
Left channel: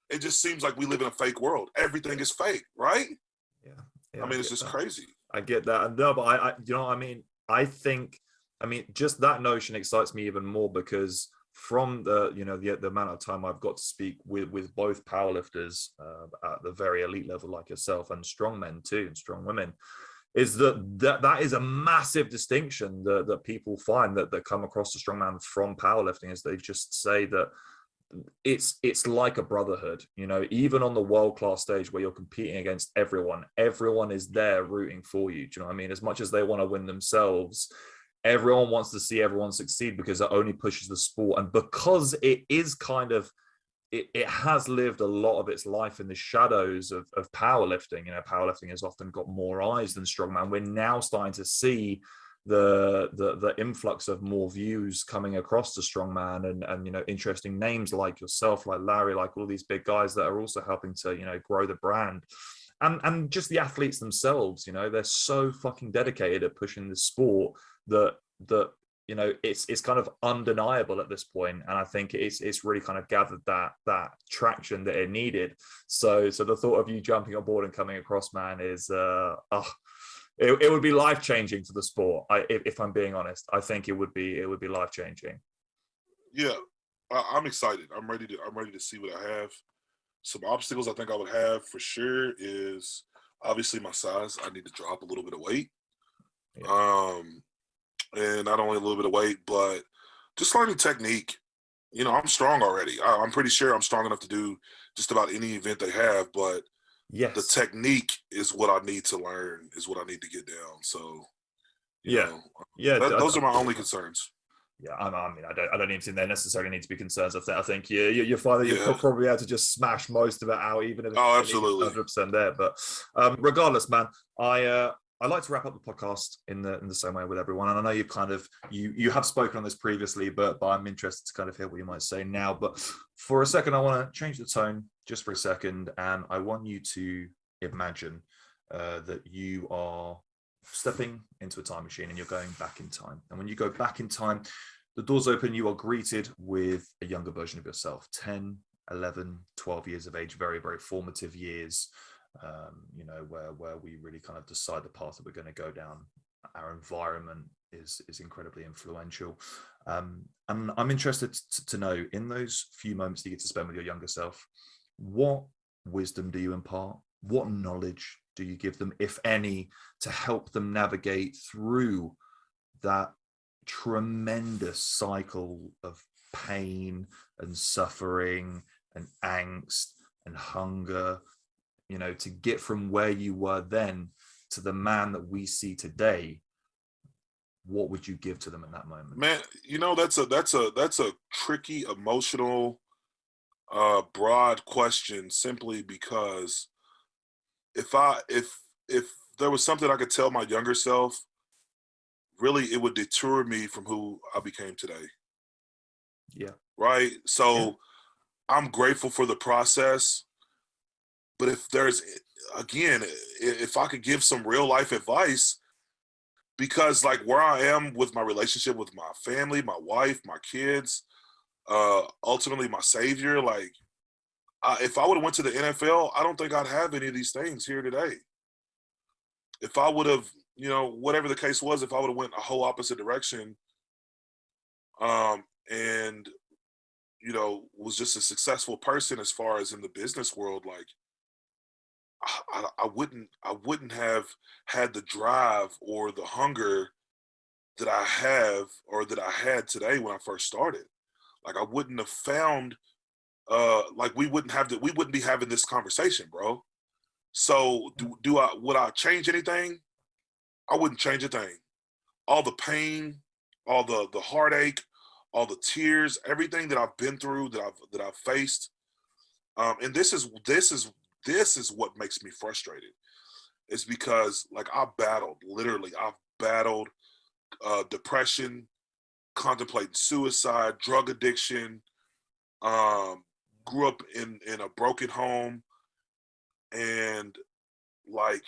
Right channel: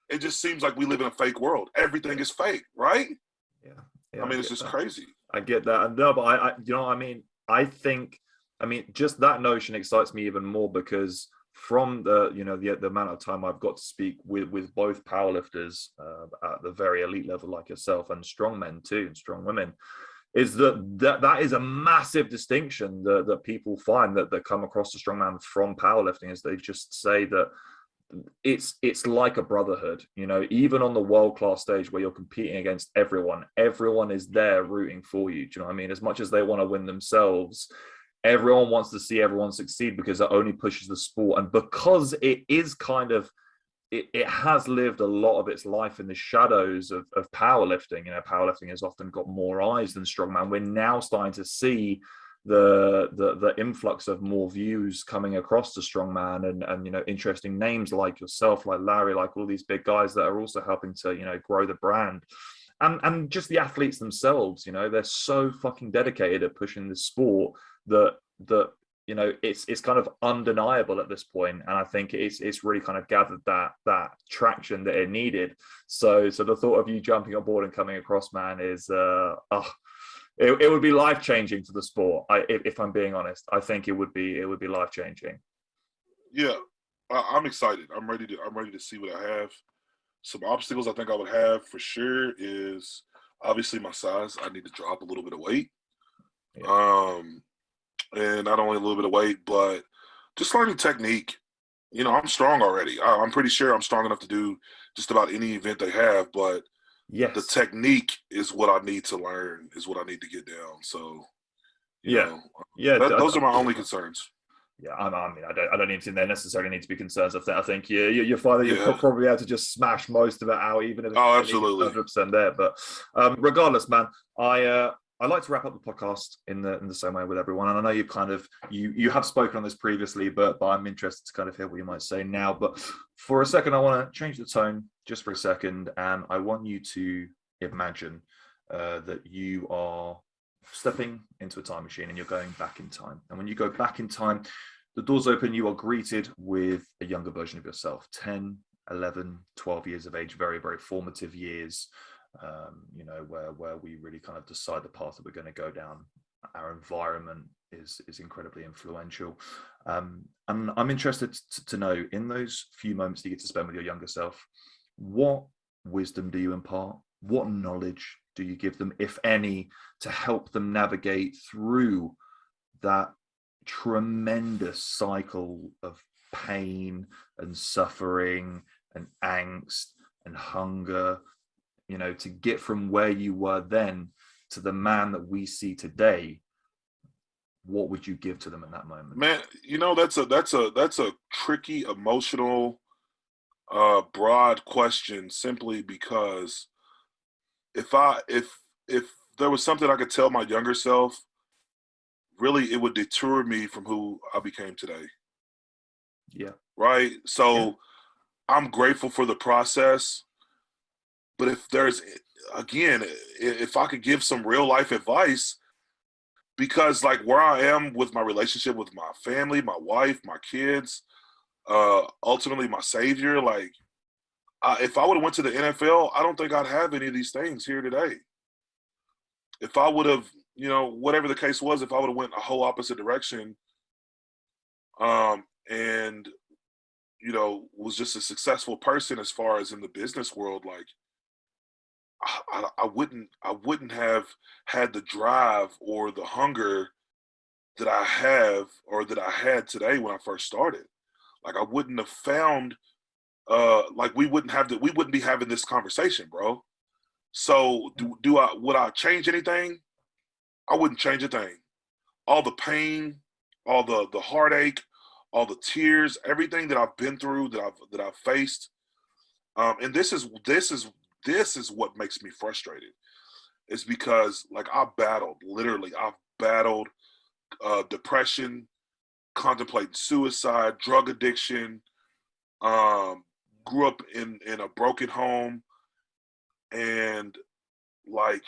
it just seems like we live in a fake world. Everything is fake, right? Yeah, I mean, it's just crazy. I get that. No, but I you know what I mean? I think, just that notion excites me even more, because from the amount of time I've got to speak with both powerlifters at the very elite level like yourself, and strong men too, and strong women, is that is a massive distinction that people find that come across the strongman from powerlifting, is they just say that it's like a brotherhood, even on the world-class stage where you're competing against everyone is there rooting for you. Do you know what I mean? As much as they want to win themselves, everyone wants to see everyone succeed, because it only pushes the sport, and because it is kind of, it has lived a lot of its life in the shadows of powerlifting. Powerlifting has often got more eyes than strongman. We're now starting to see the influx of more views coming across to strongman, and interesting names like yourself, like Larry, like all these big guys that are also helping to grow the brand, and just the athletes themselves. They're so fucking dedicated at pushing this sport that it's kind of undeniable at this point, and I think it's really kind of gathered that traction that it needed. So the thought of you jumping on board and coming across, man, is it would be life-changing to the sport. If I'm being honest, I think it would be life-changing. Yeah, I'm excited. I'm ready to see what I have. Some obstacles I think I would have for sure is obviously my size. I need to drop a little bit of weight. Yeah. And not only a little bit of weight, but just learning technique. I'm strong already. I'm pretty sure I'm strong enough to do just about any event they have, but yes, the technique is what I need to learn, is what I need to get down. So, those are my only concerns. Yeah, I mean, I don't even think there necessarily need to be concerns. I think your father, you're Yeah. probably able to just smash most of it out, even if Oh, it's absolutely. 100% there. But regardless, man, I like to wrap up the podcast in the same way with everyone. And I know you've kind of you have spoken on this previously, but I'm interested to kind of hear what you might say now. But for a second, I want to change the tone just for a second, and I want you to imagine that you are stepping into a time machine and you're going back in time. And when you go back in time, the doors open, you are greeted with a younger version of yourself, 10, 11, 12 years of age, very, very formative years, where we really kind of decide the path that we're going to go down. Our environment is incredibly influential. And I'm interested to know, in those few moments that you get to spend with your younger self, what wisdom do you impart? What knowledge do you give them, if any, to help them navigate through that tremendous cycle of pain and suffering and angst and hunger, to get from where you were then to the man that we see today? What would you give to them in that moment? Man, that's a tricky, emotional, broad question, simply because if there was something I could tell my younger self, really it would deter me from who I became today. Yeah. Right? So I'm grateful for the process, but if I could give some real life advice, because like where I am with my relationship with my family, my wife, my kids, ultimately my savior, like if I would have went to the NFL, I don't think I'd have any of these things here today. If I would have, whatever the case was, if I would have went a whole opposite direction, and was just a successful person as far as in the business world, like I wouldn't have had the drive or the hunger that I have or that I had today when I first started. Like I wouldn't have found like we wouldn't be having this conversation, bro. So would I change anything? I wouldn't change a thing. All the pain, all the heartache, all the tears, everything that I've been through, that I've faced, and this is what makes me frustrated. Is because like I've battled depression, contemplating suicide, drug addiction. Grew up in a broken home, and like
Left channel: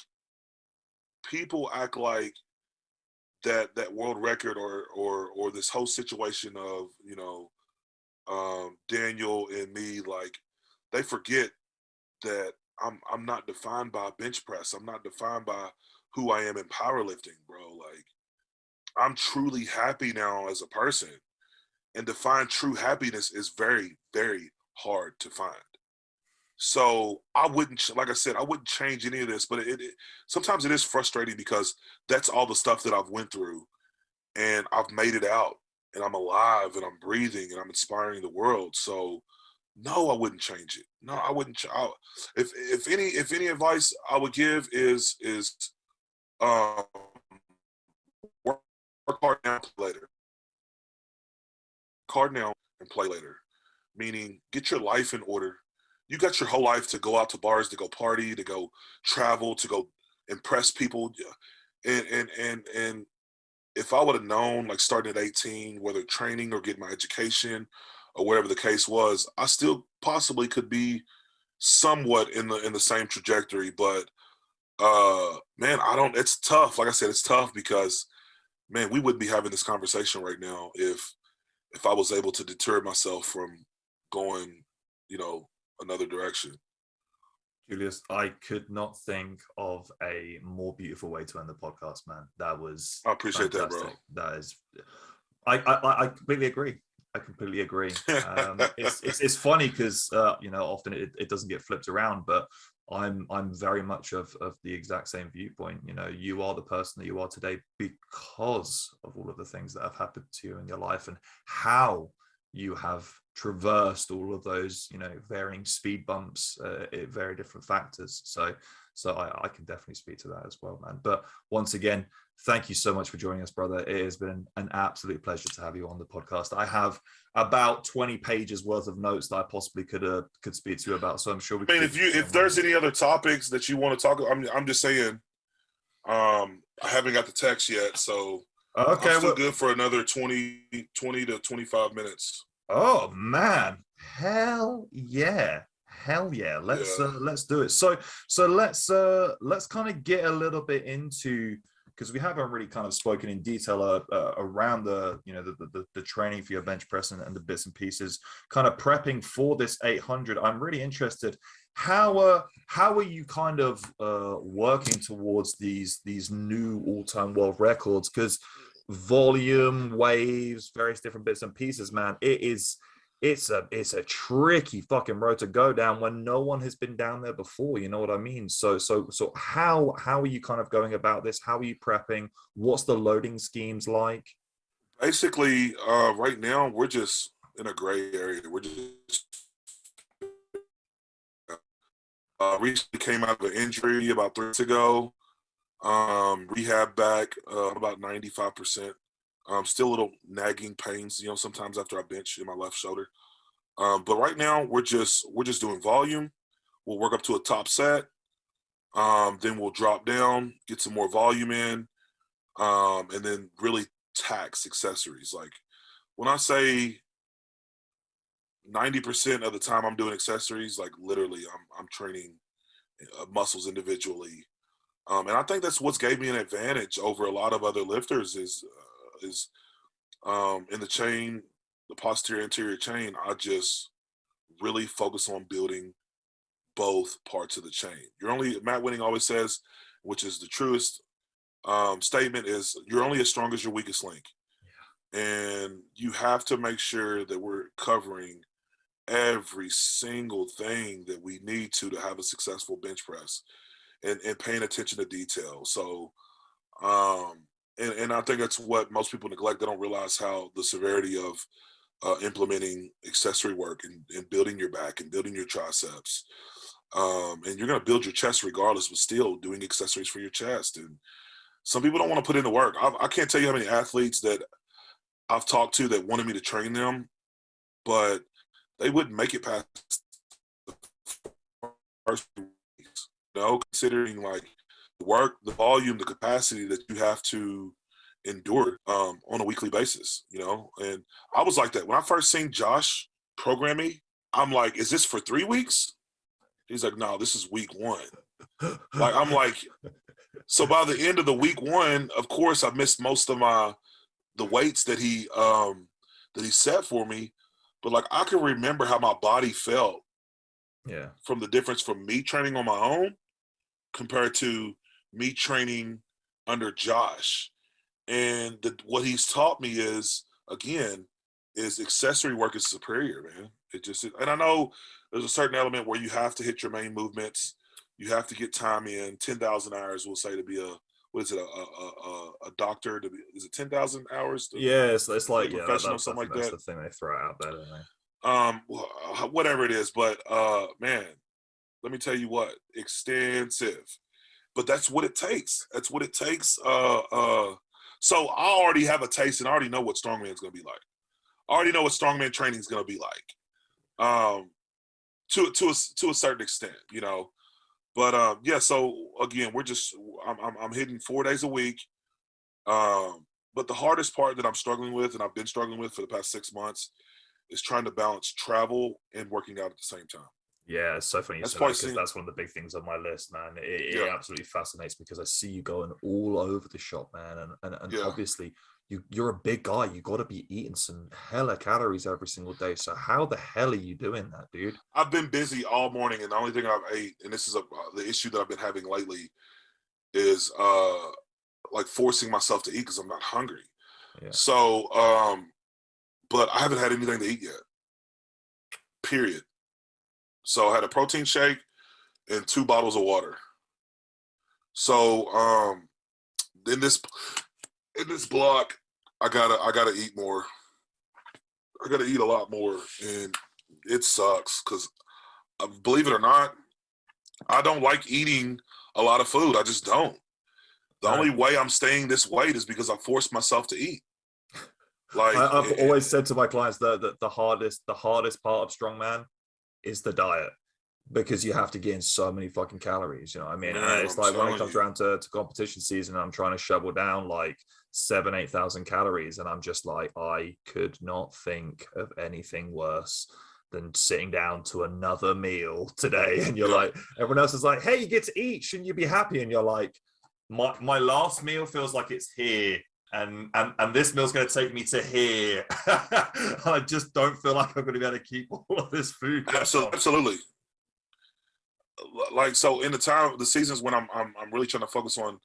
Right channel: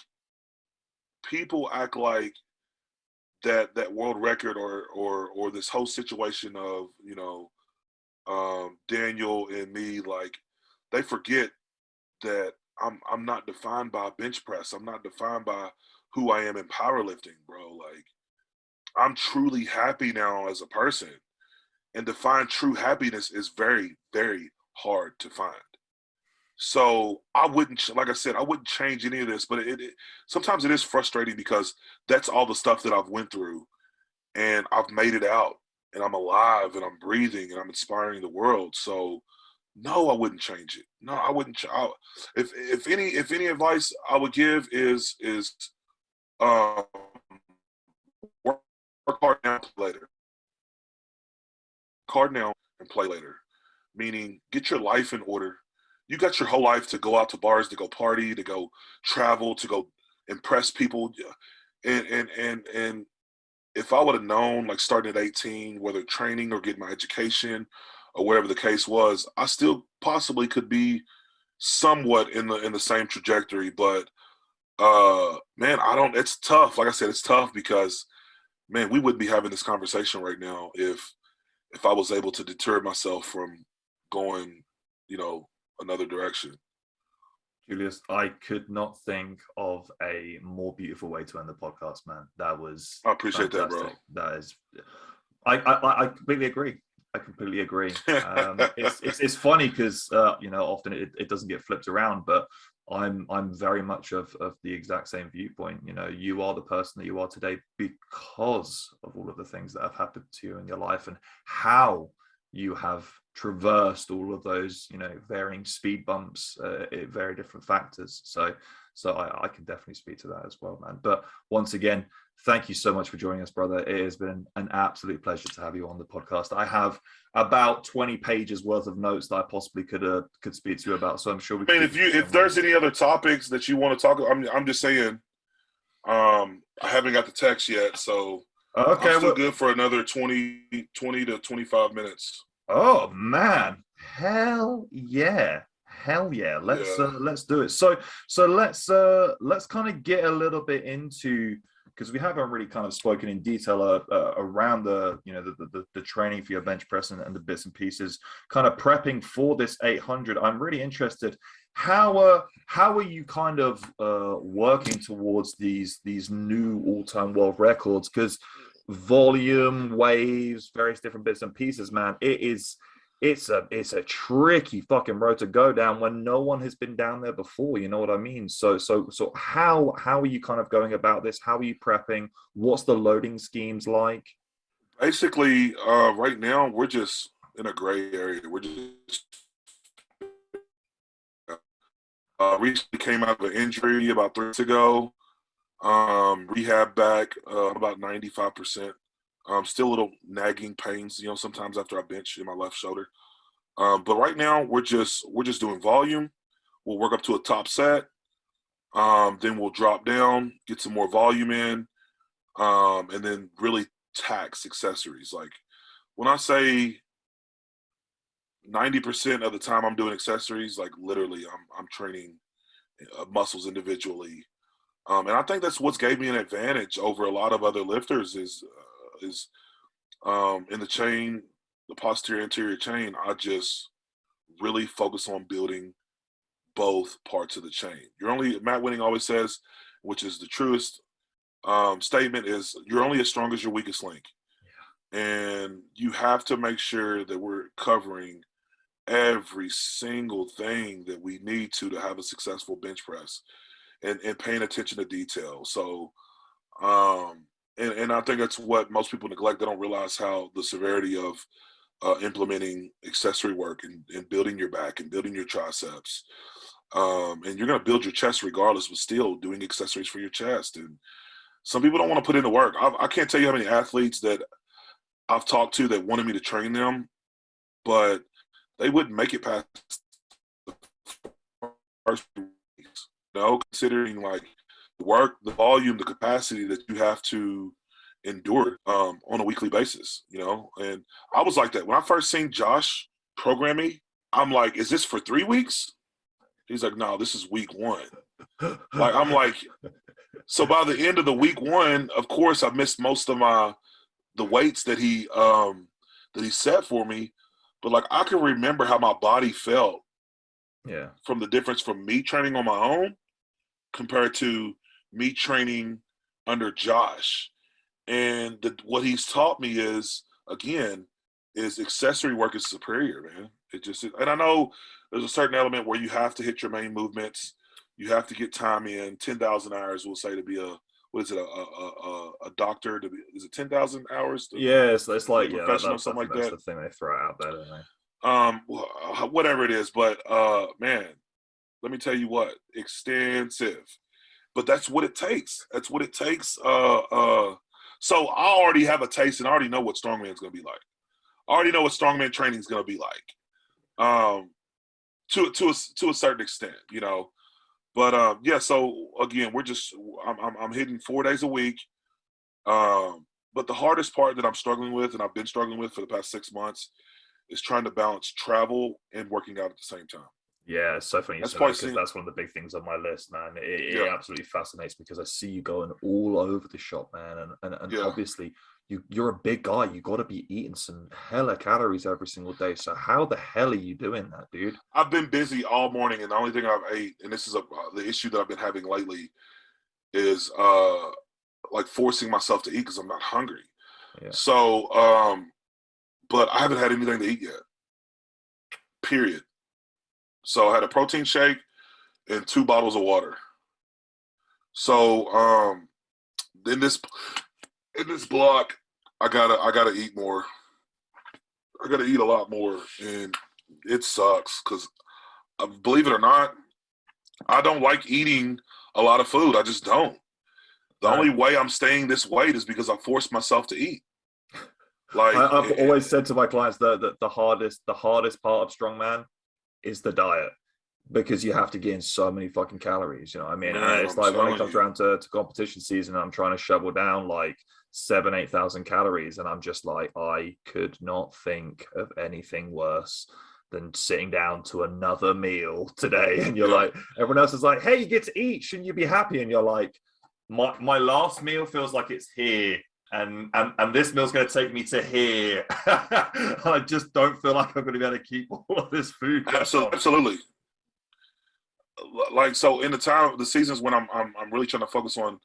people act like that world record or this whole situation of Daniel and me, like they forget that I'm not defined by bench press. I'm not defined by who I am in powerlifting, bro. Like I'm truly happy now as a person, and to find true happiness is very, very hard to find. So I wouldn't, like I said, I wouldn't change any of this, but sometimes it is frustrating because that's all the stuff that I've went through, and I've made it out, and I'm alive, and I'm breathing, and I'm inspiring the world. So no, I wouldn't change it. No, I wouldn't. If any advice I would give is um, work hard now, play later. Work hard now and play later. Meaning, get your life in order. You got your whole life to go out to bars, to go party, to go travel, to go impress people, and if I would have known, like starting at 18, whether training or getting my education or whatever the case was, I still possibly could be somewhat in the same trajectory. But man, I don't. It's tough. Like I said, it's tough because man, we wouldn't be having this conversation right now if I was able to deter myself from going, another direction. Julius, I could not think of a more beautiful way to end the podcast, man. That was I appreciate fantastic. that, bro. That is, I completely agree. I completely agree. It's funny because often it doesn't get flipped around, but I'm very much of the exact same viewpoint. You are the person that you are today because of all of the things that have happened to you in your life and how you have traversed all of those, you know, varying speed bumps, very different factors. So I can definitely speak to that as well, man. But once again, thank you so much for joining us, brother. It has been an absolute pleasure to have you on the podcast. I have about 20 pages worth of notes that I possibly could speak to you about. So I'm sure we. I mean, if there's any other topics that you want to talk about, I'm just saying. I haven't got the text yet, so okay, I'm still good for another 20 to 25 minutes. Oh man, hell yeah. Let's do it. So let's kind of get a little bit into, because we haven't really kind of spoken in detail around the, you know, the training for your bench press and the bits and pieces, kind of prepping for this 800. I'm really interested. How are you kind of working towards these new all-time world records? Because volume, waves, various different bits and pieces, man, it's a tricky fucking road to go down when no one has been down there before, you know what I mean? So how are you kind of going about this? How are you prepping? What's the loading schemes like? Basically, right now we're just in a gray area. We're just recently came out of an injury about 3 weeks ago. Rehab back about 95%. Still a little nagging pains, you know, sometimes after I bench in my left shoulder. But right now we're just doing volume. We'll work up to a top set. Then we'll drop down, get some more volume in, and then really tax accessories. Like when I say 90% of the time I'm doing accessories, like literally I'm training muscles individually. And I think that's what's gave me an advantage over a lot of other lifters is in the chain, the posterior anterior chain, I just really focus on building both parts of the chain. Matt Winning always says, which is the truest statement, is you're only as strong as your weakest link. Yeah. And you have to make sure that we're covering every single thing that we need to have a successful bench press and paying attention to detail. So, and I think that's what most people neglect. They don't realize how the severity of implementing accessory work and building your back and building your triceps. And you're going to build your chest regardless, but still doing accessories for your chest. And some people don't want to put in the work. I can't tell you how many athletes that I've talked to that wanted me to train them, but they wouldn't make it past the first few weeks. You know, considering like the work, the volume, the capacity that you have to endure on a weekly basis, you know. And I was like that. When I first seen Josh program me, I'm like, is this for 3 weeks? He's like, no, this is week 1. Like, I'm like, so by the end of the week 1, of course, I missed most of the weights that he set for me. But like, I can remember how my body felt. Yeah. From the difference from me training on my own compared to me training under Josh. And what he's taught me is, again, is accessory work is superior, man. It just, and I know there's a certain element where you have to hit your main movements. You have to get time in. 10,000 hours, we'll say, to be a doctor. To be, is it 10,000 hours? Yeah, it's like, yeah, that's something like that. That's the thing they throw out there, don't they? Whatever it is, but man, let me tell you what, extensive. But that's what it takes. That's what it takes. So I already have a taste and I already know what strongman is going to be like. I already know what strongman training is going to be like. To a certain extent, you know. But yeah, so again, I'm hitting 4 days a week. But the hardest part that I'm struggling with, and I've been struggling with for the past 6 months, is trying to balance travel and working out at the same time. Yeah, it's so funny you said that, because that's one of the big things on my list, man. It absolutely fascinates me because I see you going all over the shop, man. And obviously you're a big guy. You got to be eating some hella calories every single day. So how the hell are you doing that, dude? I've been busy all morning, and the only thing I've ate, and this is the issue that I've been having lately, is like forcing myself to eat because I'm not hungry. Yeah. So, but I haven't had anything to eat yet. Period. So I had a protein shake and 2 bottles of water. So in this block, I gotta eat more. I got to eat a lot more, and it sucks because, believe it or not, I don't like eating a lot of food. I just don't. The only way I'm staying this weight is because I forced myself to eat. Like I've always said to my clients that the hardest part of strongman is the diet, because you have to gain so many fucking calories. You know what I mean? Man, And it's I'm like when it telling comes you. around to competition season, I'm trying to shovel down like 7,000-8,000 calories, and I'm just like, I could not think of anything worse than sitting down to another meal today. And you're like, everyone else is like, hey, you get to eat, shouldn't you be happy? And you're like, my last meal feels like it's here, and this meal's going to take me to here. I just don't feel like I'm going to be able to keep all of this food going on. Absolutely. Like, so in the seasons when I'm really trying to focus on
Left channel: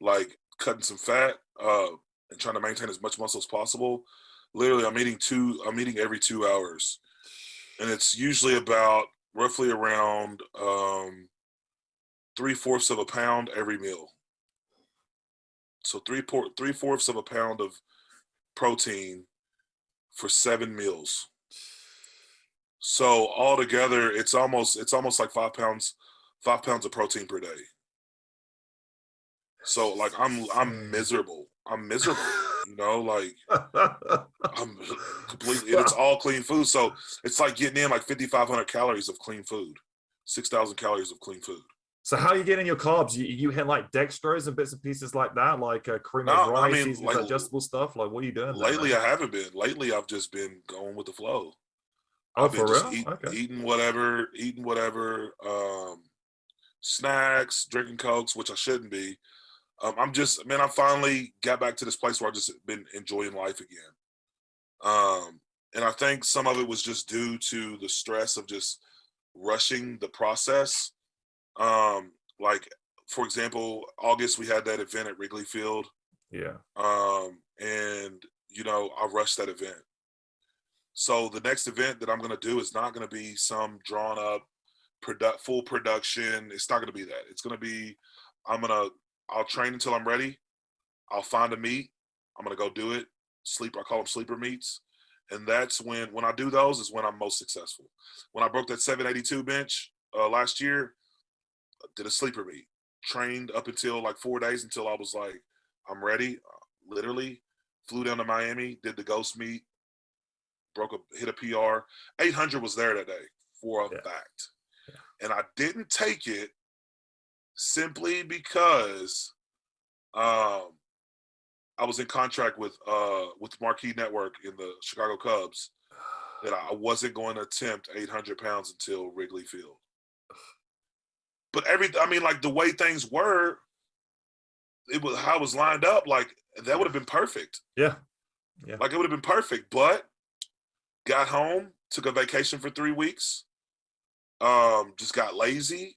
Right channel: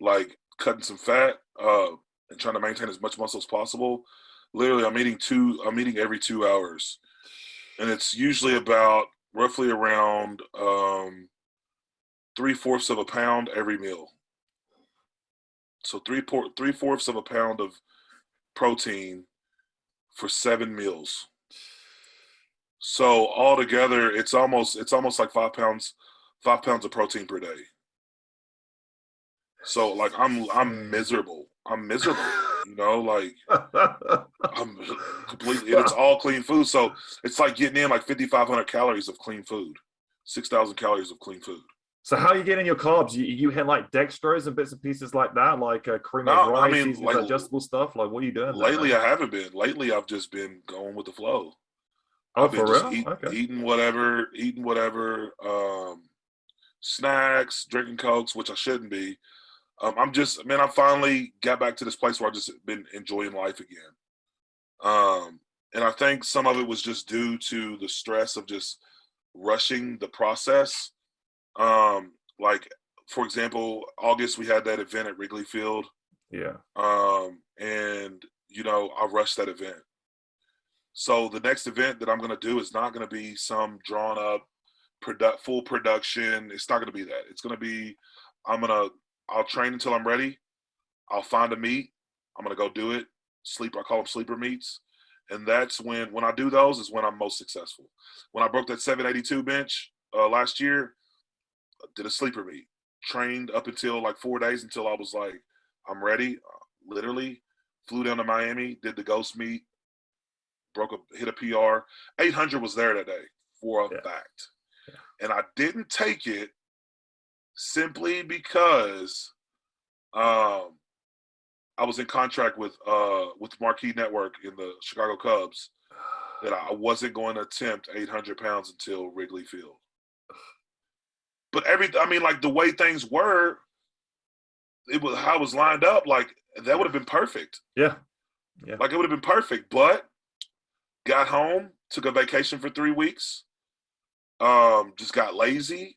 like cutting some fat and trying to maintain as much muscle as possible. Literally, I'm eating every 2 hours, and it's usually about roughly around 3/4 of a pound every meal. So 3/4 of a pound of protein for 7 meals. So altogether, it's almost like 5 pounds of protein per day. So like I'm miserable. You know, like I'm completely, and it's all clean food. So it's like getting in like 5,500 calories of clean food, 6,000 calories of clean food. So how are you getting your carbs? You hit like dextrose and bits and pieces like that, like cream of No, I rice, mean, these like digestible stuff. Like, what are you doing there, lately man? I haven't been. Lately I've just been going with the flow. Oh, I've been for just real? Okay. eating whatever, snacks, drinking Cokes, which I shouldn't be. I'm just, man, I finally got back to this place where I just been enjoying life again. And I think some of it was just due to the stress of just rushing the process. Like, for example, August, we had that event at Wrigley Field. Yeah. And, you know, I rushed that event. So the next event that I'm going to do is not going to be some drawn up full production. It's not going to be that. It's going to be, I'll train until I'm ready. I'll find a meet. I'm going to go do it. I call them sleeper meets. And that's when I do those is when I'm most successful. When I broke that 782 bench last year, I did a sleeper meet. Trained up until like 4 days until I was like, I'm ready. Literally flew down to Miami, did the ghost meet, hit a PR. 800 was there that day for a fact. And I didn't take it simply because I was in contract with Marquee Network in the Chicago Cubs that I wasn't going to attempt 800 pounds until Wrigley Field. But like the way things were, it was how it was lined up. Like that would have been perfect. Yeah. Like it would have been perfect. But got home, took a vacation for 3 weeks. Just got lazy.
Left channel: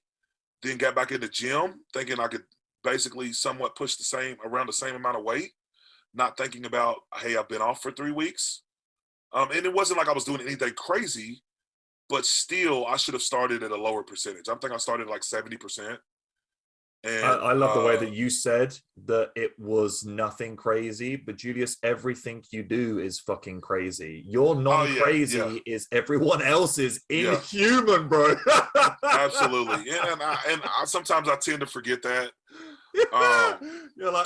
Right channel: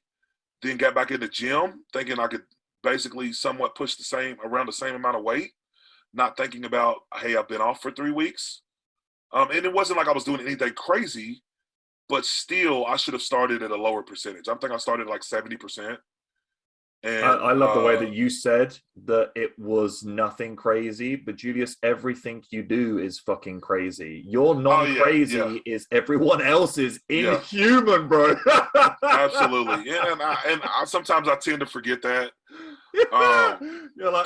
Then got back in the gym, thinking I could basically somewhat push around the same amount of weight. Not thinking about, hey, I've been off for 3 weeks. And it wasn't like I was doing anything crazy, but still, I should have started at a lower percentage. I think I started like 70%. And I love the way that you said that it was nothing crazy, but Julius, everything you do is fucking crazy. Your non-crazy is everyone else's inhuman, bro. Absolutely. And I sometimes I tend to forget that. You're like,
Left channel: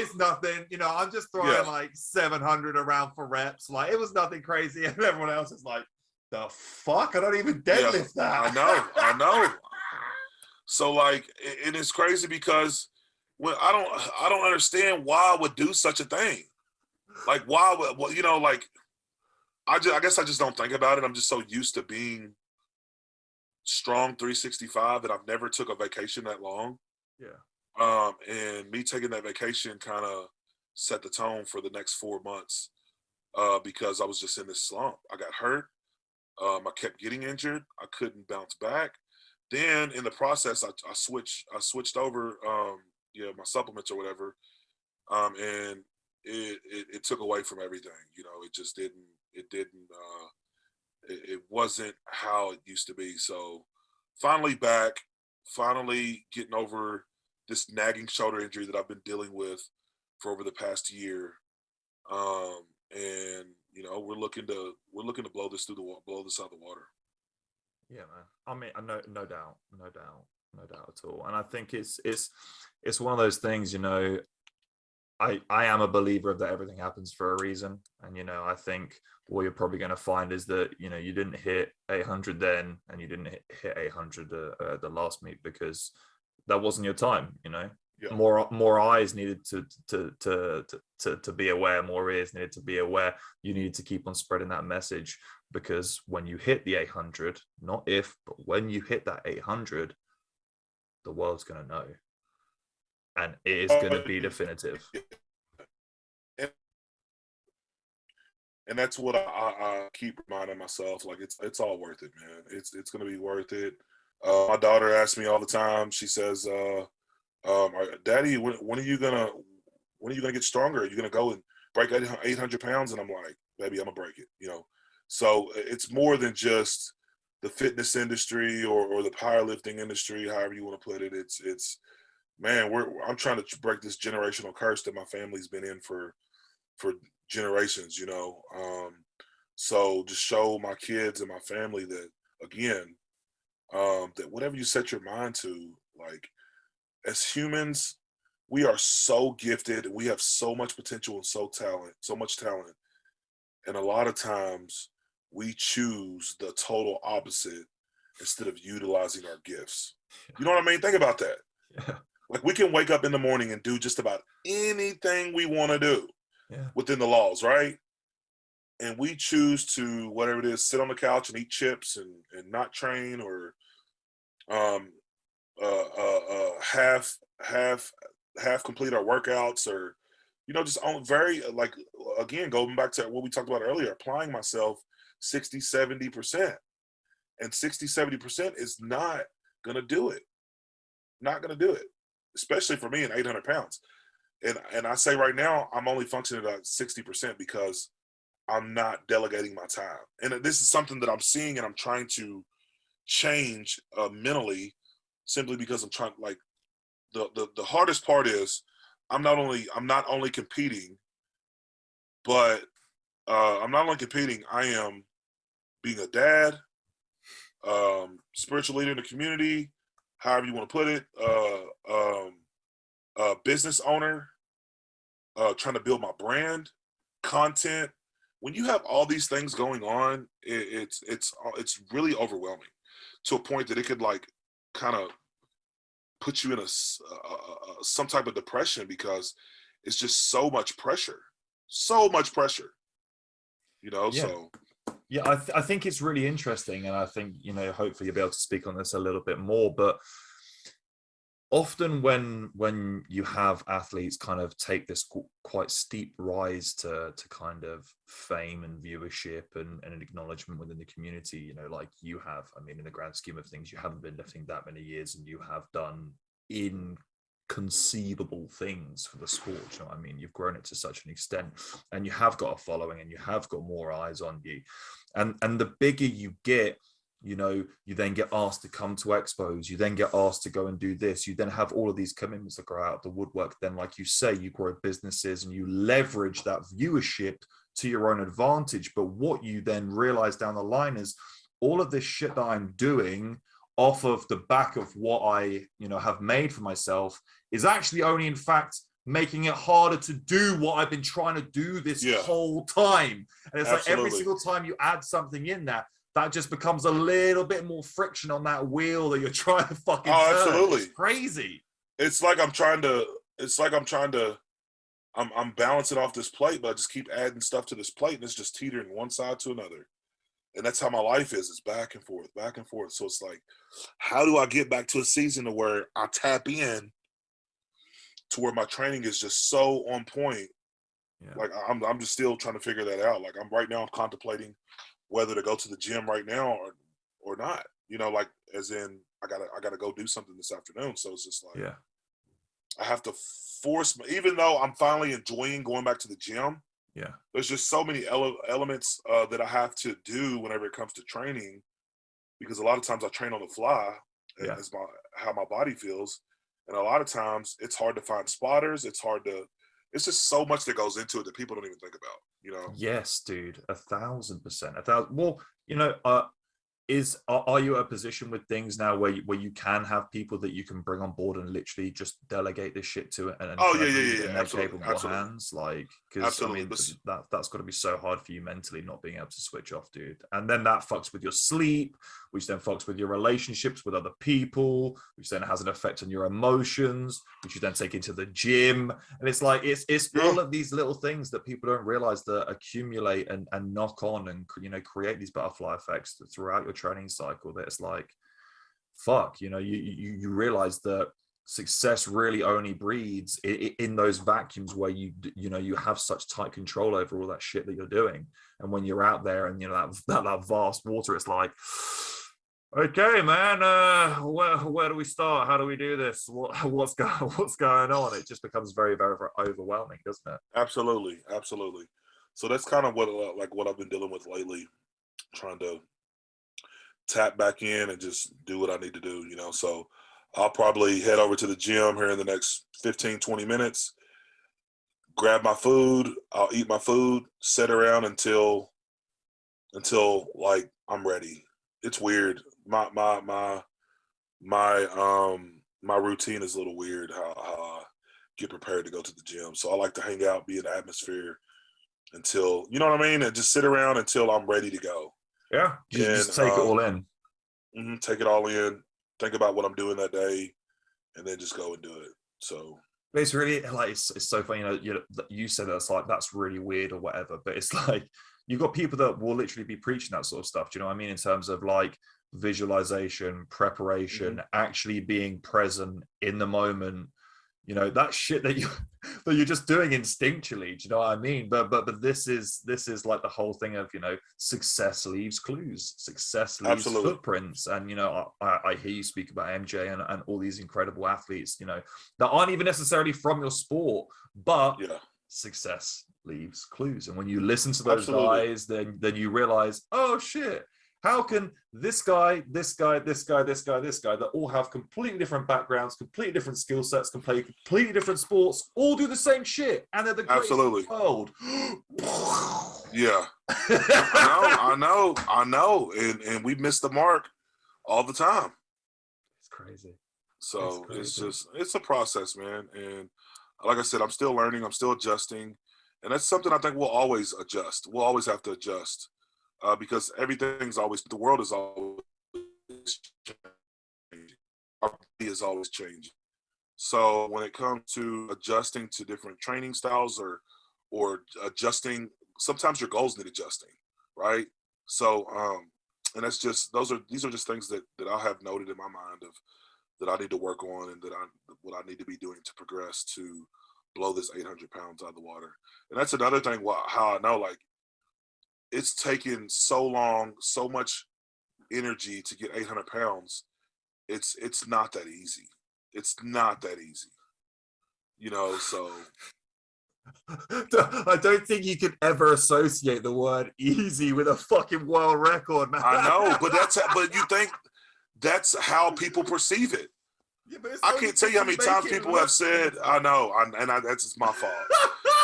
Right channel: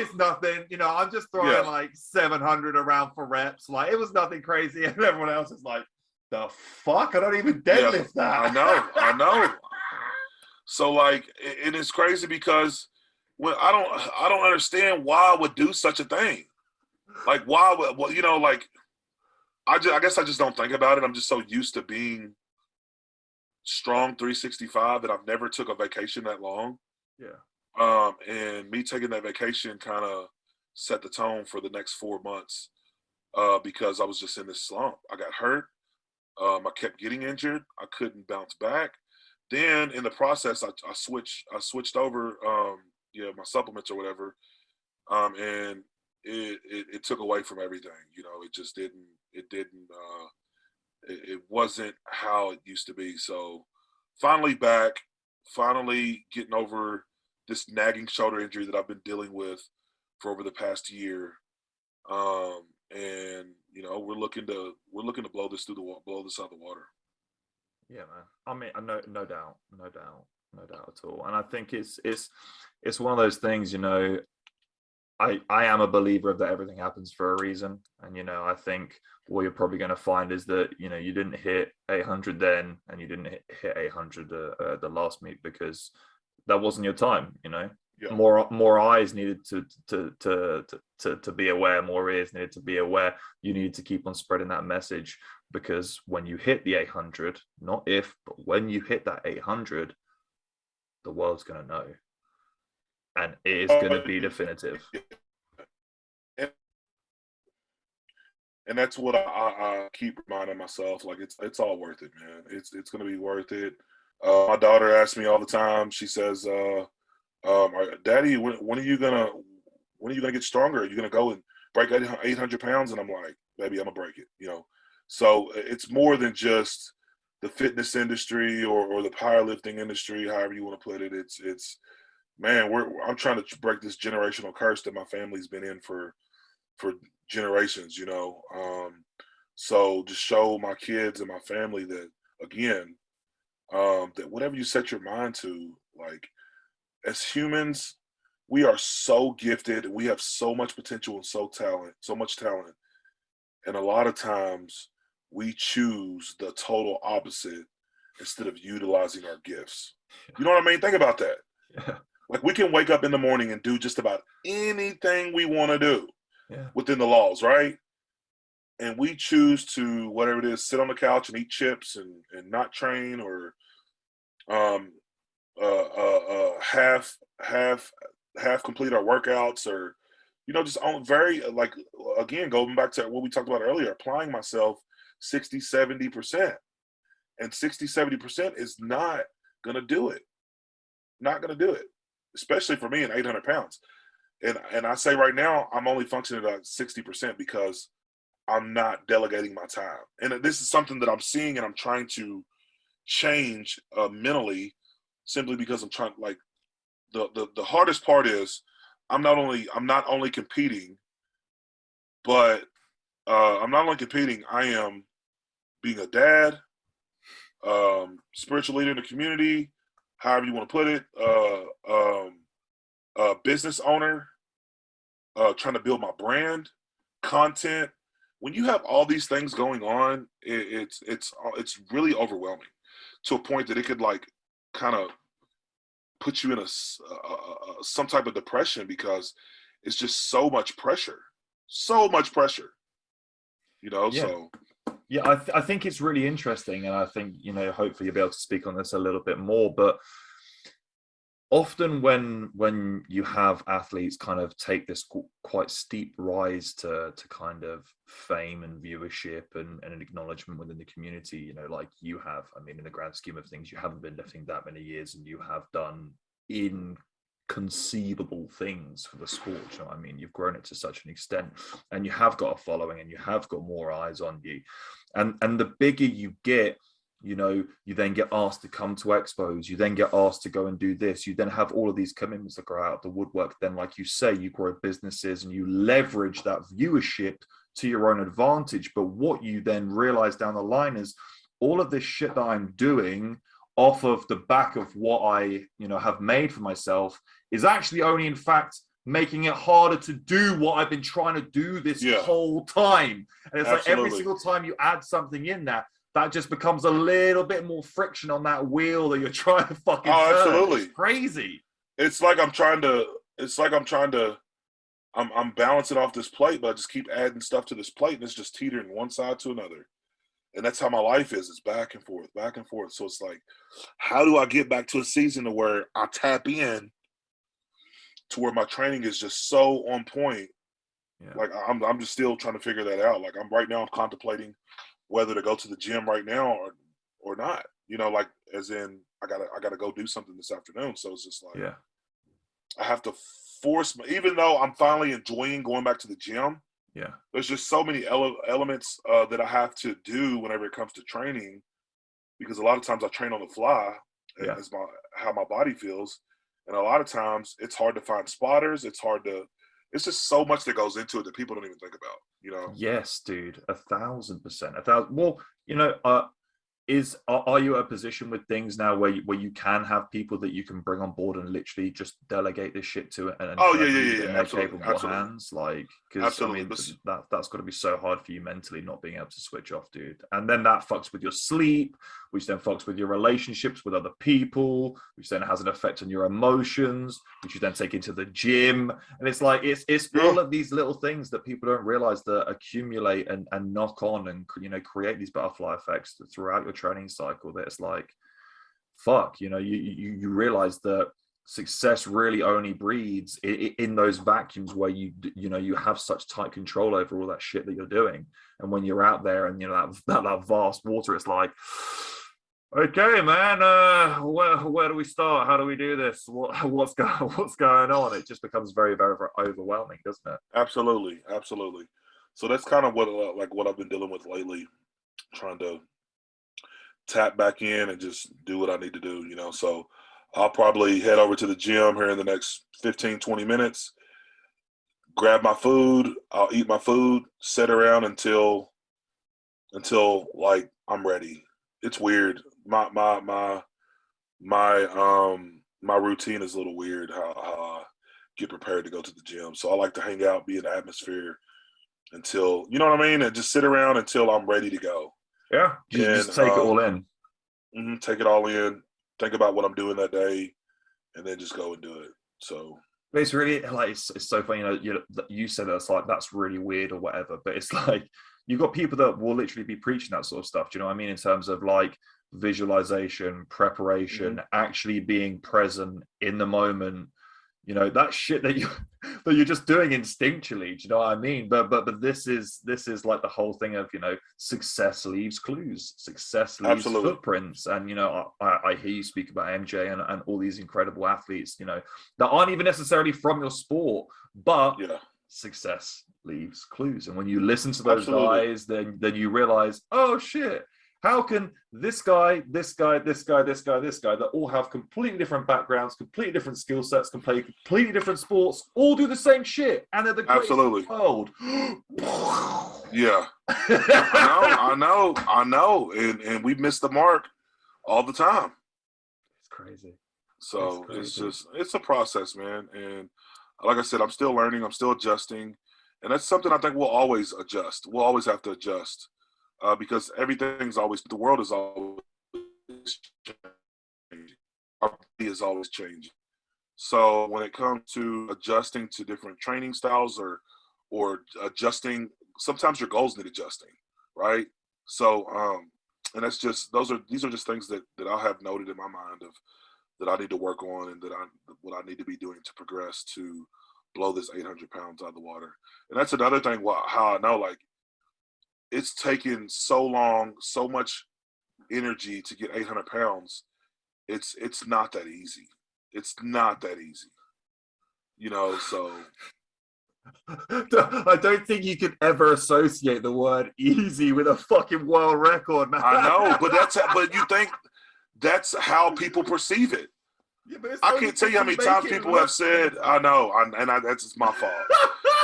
it's nothing. You know, I'm just throwing like 700 around for reps. Like, it was nothing crazy. And everyone else is like, the fuck? I don't even deadlift that. I know. So like, and it's crazy because I don't understand why I would do such a thing. Like, why would, well, you know, like, I guess I just don't think about it. I'm just so used to being strong 365 that I've never took a vacation that long. Yeah. And me taking that vacation kind of set the tone for the next 4 months because I was just in this slump. I got hurt. I kept getting injured. I couldn't bounce back. Then in the process, I switched over, my supplements or whatever, and it took away from everything. You know, it just didn't. It wasn't how it used to be. So finally getting over this nagging shoulder injury that I've been dealing with for over the past year. And you know, we're looking to blow this out the water. Yeah, man. I mean, no doubt, no doubt at all. And I think it's one of those things, you know. I am a believer of that everything happens for a reason, and you know, I think what you're probably going to find is that, you know, you didn't hit 800 then, and you didn't hit 800 at the last meet because that wasn't your time. You know, Yeah. more eyes needed to be aware, more ears needed to be aware. You need to keep on spreading that message, because when you hit the 800, not if, but when you hit that 800, the world's going to know, and it is going to be definitive. And that's what I keep reminding myself. Like, it's all worth it, man. It's going to be worth it. My daughter asks me all the time. She says, "Daddy, when are you gonna get stronger? Are you gonna go and break 800 pounds?" And I'm like, "Baby, I'm gonna break it." You know. So it's more than just the fitness industry or the powerlifting industry, however you want to put it. It's man, I'm trying to break this generational curse that my family's been in for generations, you know. So just show my kids and my family that, again, that whatever you set your mind to, like, as humans, we are so gifted. We have so much potential and so much talent. And a lot of times we choose the total opposite instead of utilizing our gifts. You know what I mean? Think about that. Yeah. Like, we can wake up in the morning and do just about anything we want to do Yeah. within the laws, right? And we choose to, whatever it is, sit on the couch and eat chips and not train, or half complete our workouts, or, you know, just on very, like, again, going back to what we talked about earlier, applying myself 60-70%, and 60-70% is not gonna do it. Not gonna do it, especially for me in 800 pounds. And I say right now, I'm only functioning at 60% because I'm not delegating my time. And this is something that I'm seeing and I'm trying to change mentally, simply because I'm trying, like, the hardest part is I'm not only competing, but I'm not only competing, I am being a dad, spiritual leader in the community, however you want to put it, business owner, trying to build my brand, content. When you have all these things going on, it's really overwhelming, to a point that it could, like, kind of put you in some type of depression, because it's just so much pressure, you know. Yeah. So Yeah, I think it's really interesting, and I think, you know, hopefully you'll be able to speak on this a little bit more. But often when you have athletes kind of take this quite steep rise to kind of fame and viewership and an acknowledgement within the community, you know, like you have, I mean, in the grand scheme of things, you haven't been lifting that many years, and you have done inconceivable things for the sport. You know what I mean? You've grown it to such an extent, and you have got a following, and you have got more eyes on you, and the bigger you get, you know, you then get asked to come to expos, you then get asked to go and do this, you then have all of these commitments that grow out of the woodwork. Then, like you say, you grow businesses and you leverage that viewership to your own advantage. But what you then realize down the line is all of this shit that I'm doing off of the back of what I, you know, have made for myself is actually only, in fact, making it harder to do what I've been trying to do this whole time. And it's Absolutely. Like every single time you add something in that just becomes a little bit more friction on that wheel that you're trying to fucking turn. Absolutely. It's crazy. It's like I'm balancing off this plate, but I just keep adding stuff to this plate, and it's just teetering one side to another. And that's how my life is. It's back and forth, back and forth. So it's like, how do I get back to a season to where I tap in to where my training is just so on point? Yeah. Like, I'm just still trying to figure that out. Like, I'm contemplating whether to go to the gym right now or not. You know, like, as in I gotta go do something this afternoon. So it's just like, I have to force even though I'm finally enjoying going back to the gym. Yeah, there's just so many elements that I have to do whenever it comes to training, because a lot of times I train on the fly as how my body feels, and a lot of times it's hard to find spotters. It's hard to it's just so much that goes into it that people don't even think about, you know? Yes, dude, 1,000%. Well, you know, are you at a position with things now where you can have people that you can bring on board and literally just delegate this shit to and Oh kind of yeah, leave yeah, it yeah, in their absolutely, capable absolutely, hands? Like, because I absolutely. mean, that's got to be so hard for you mentally, not being able to switch off, dude. And then that fucks with your sleep, which then fucks with your relationships with other people, which then has an effect on your emotions, which you then take into the gym. And it's like it's all of these little things that people don't realize that accumulate and knock on and, you know, create these butterfly effects throughout your training cycle. That it's like, fuck, you know, you realize that success really only breeds in those vacuums where you know, you have such tight control over all that shit that you're doing. And when you're out there and, you know, that vast water, it's like, okay, man, where do we start? How do we do this? What's going on? It just becomes very, very, very overwhelming, doesn't it? Absolutely, absolutely. So that's kind of what I've been dealing with lately, trying to tap back in and just do what I need to do, you know. So I'll probably head over to the gym here in the next 15, 20 minutes, grab my food, I'll eat my food, sit around until like I'm ready. It's weird. My routine is a little weird how I get prepared to go to the gym. So I like to hang out, be in the atmosphere until, you know what I mean, and just sit around until I'm ready to go. Yeah, just take it all in. Take it all in, think about what I'm doing that day, and then just go and do it. So but it's really like it's so funny, you said that's like that's really weird or whatever, but it's like you've got people that will literally be preaching that sort of stuff. Do you know what I mean? In terms of like visualization, preparation, actually being present in the moment. You know, that shit that you're just doing instinctually. Do you know what I mean? But this is like the whole thing of, you know, success leaves clues, success leaves absolutely. footprints. And, you know, I hear you speak about MJ and all these incredible athletes, you know, that aren't even necessarily from your sport, but success leaves clues. And when you listen to those guys, then you realize, oh shit, how can this guy, that all have completely different backgrounds, completely different skill sets, can play completely different sports, all do the same shit, and they're the greatest in the world? Yeah. I know. And we miss the mark all the time. It's crazy. So it's a process, man. And like I said, I'm still learning, I'm still adjusting. And that's something I think we'll always adjust. We'll always have to adjust. Because the world is always changing. Our body is always changing. So when it comes to adjusting to different training styles or adjusting, sometimes your goals need adjusting, right? So and that's just these are just things that I'll have noted in my mind of that I need to work on and what I need to be doing to progress to blow this 800 pounds out of the water. And that's another thing how I know, like, it's taken so long, so much energy to get 800 pounds. It's not that easy. It's not that easy. You know, so. I don't think you could ever associate the word easy with a fucking world record, man. I know, but but you think that's how people perceive it. Yeah, I can't tell you how many times people have said, I know, that's just my fault.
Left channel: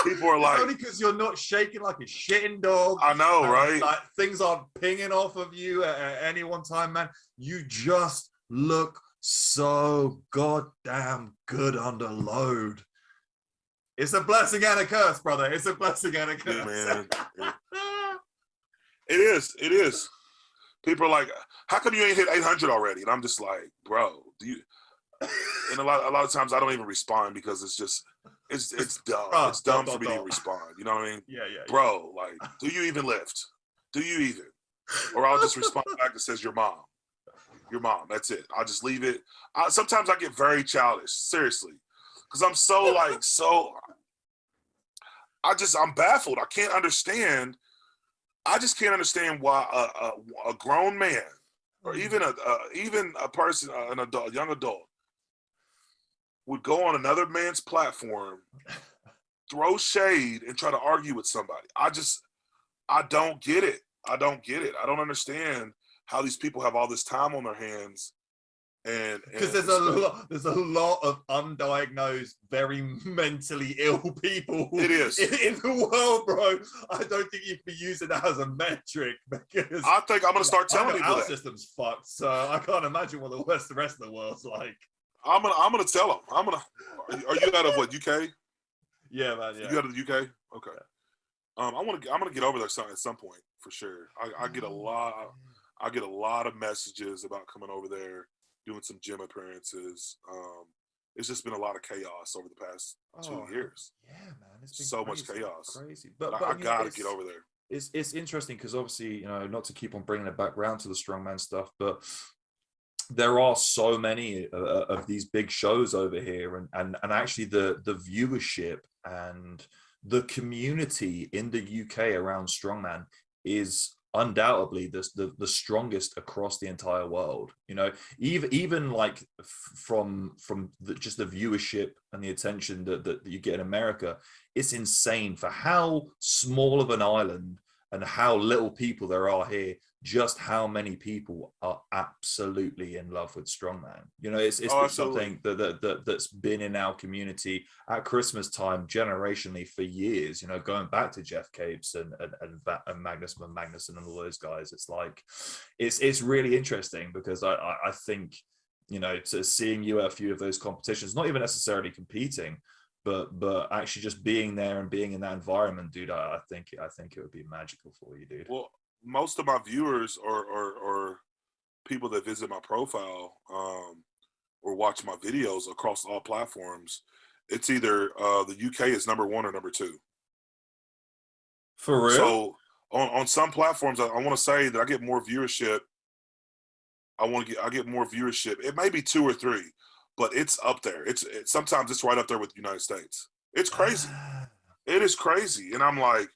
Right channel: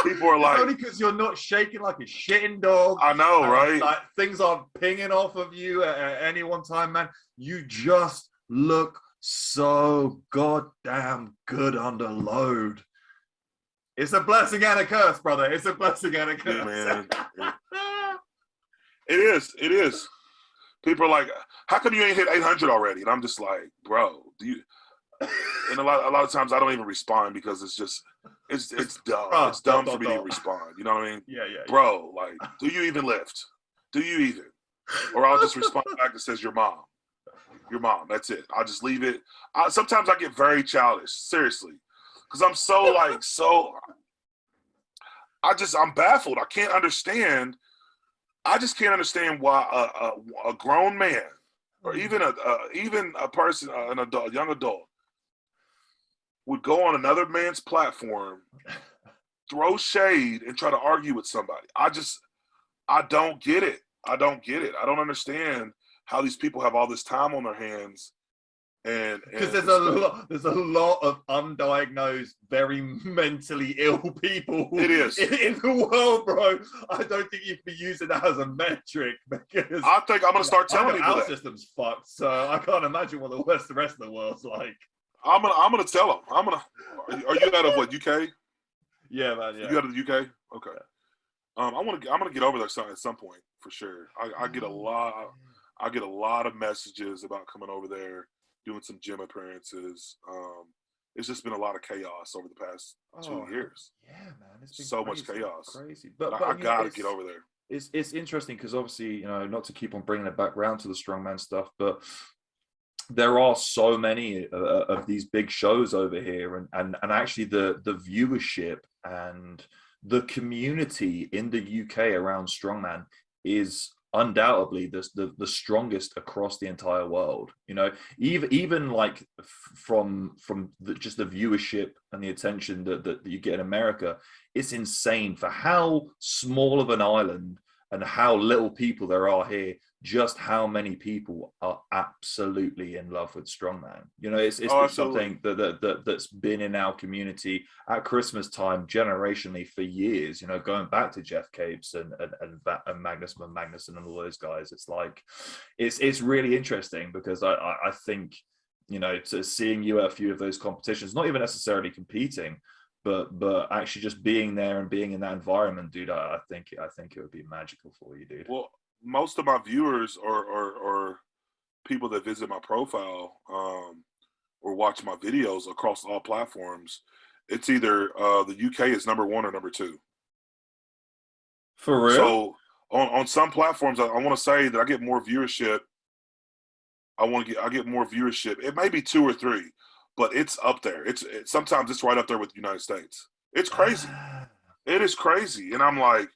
People are like, only because you're not shaking like a shitting dog. I know, right? Like things aren't pinging off of you at any one time, man. You just look so goddamn good under load. It's a blessing and a curse, brother. It's a blessing and a curse. Yeah, man. It is. People are like, how come you ain't hit 800 already? And I'm just like, bro, do you? And a lot of times I don't even respond because it's dumb. It's dumb for me to respond. You know what I mean? Yeah. Bro, like, do you even lift? Do you even? Or I'll just respond back that says your mom. Your mom. That's it. I'll just leave it. Sometimes I get very childish, seriously, because I'm I'm baffled. I can't understand. I just can't understand why a grown man or even a person, an adult, young adult, would go on another man's platform, throw shade, and try to argue with somebody. I don't get it. I don't understand how these people have all this time on their hands And because there's a lot of undiagnosed, very mentally ill people it is in the world, bro. I don't think you can be using that as a metric, because I think I'm gonna start telling people our that system's fucked. So I can't imagine what the rest of the world's like. I'm gonna tell them. Are you out of what, UK? Yeah, man. Yeah. You out of the UK? Okay. I'm gonna get over there at some point for sure. I get a lot of messages about coming over there, doing some gym appearances. It's just been a lot of chaos over the past 2 years. Yeah, man, it's been so crazy, much chaos. Crazy, but I gotta get over there. It's interesting because obviously, not to keep on bringing it back around to the strongman stuff, but there are so many of these big shows over here, and actually the viewership and the community in the UK around strongman is undoubtedly the strongest across the entire world. Even like from just the viewership and the attention that you get in America, it's insane for how small of an island and how little people there are here. Just how many people are absolutely in love with strongman. It's something that's been in our community at Christmas time generationally for years, going back to Jeff Capes and Magnus and all those guys. It's like it's really interesting because I think to seeing you at a few of those competitions, not even necessarily competing, but actually just being there and being in that environment, dude, I think it would be magical for you, dude. Well, most of my viewers or people that visit my profile or watch my videos across all platforms, it's either the UK is number 1 or number 2. For real? So on some platforms, I want to say that I get more viewership. I get more viewership. It may be 2 or 3, but it's up there. It's sometimes it's right up there with the United States. It's crazy. It is crazy, and I'm like,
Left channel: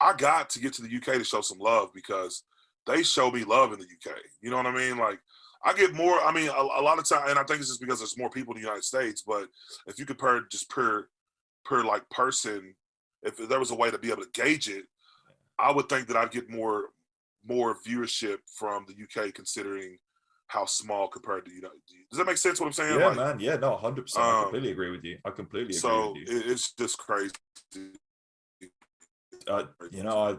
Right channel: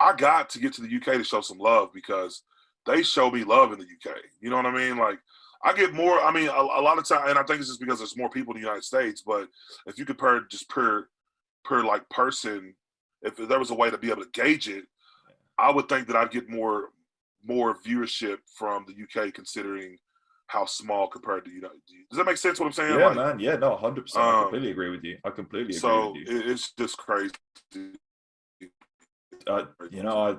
I got to get to the UK to show some love because they show me love in the UK. You know what I mean? Like, I get more. I mean, a lot of time, and I think it's just because there's more people in the United States. But if you compare just per like person, if there was a way to be able to gauge it, I would think that I'd get more viewership from the UK, considering how small compared to Does that make sense? What I'm saying? Yeah, man. Yeah, no, 100%. I completely agree with you. So it's just crazy.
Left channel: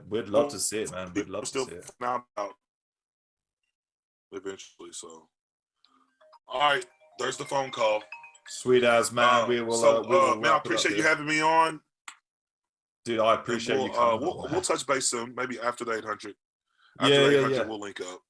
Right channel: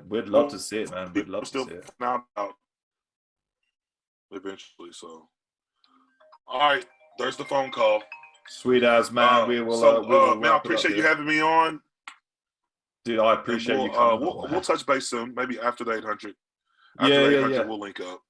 We'd love to see it, man. We'd love to see it. Out eventually. So, all right, there's the phone call. Sweet as, man. We will. Man, I appreciate you having me on. Dude, I appreciate you coming. We'll touch base soon. Maybe after the 800. Yeah. We'll link up.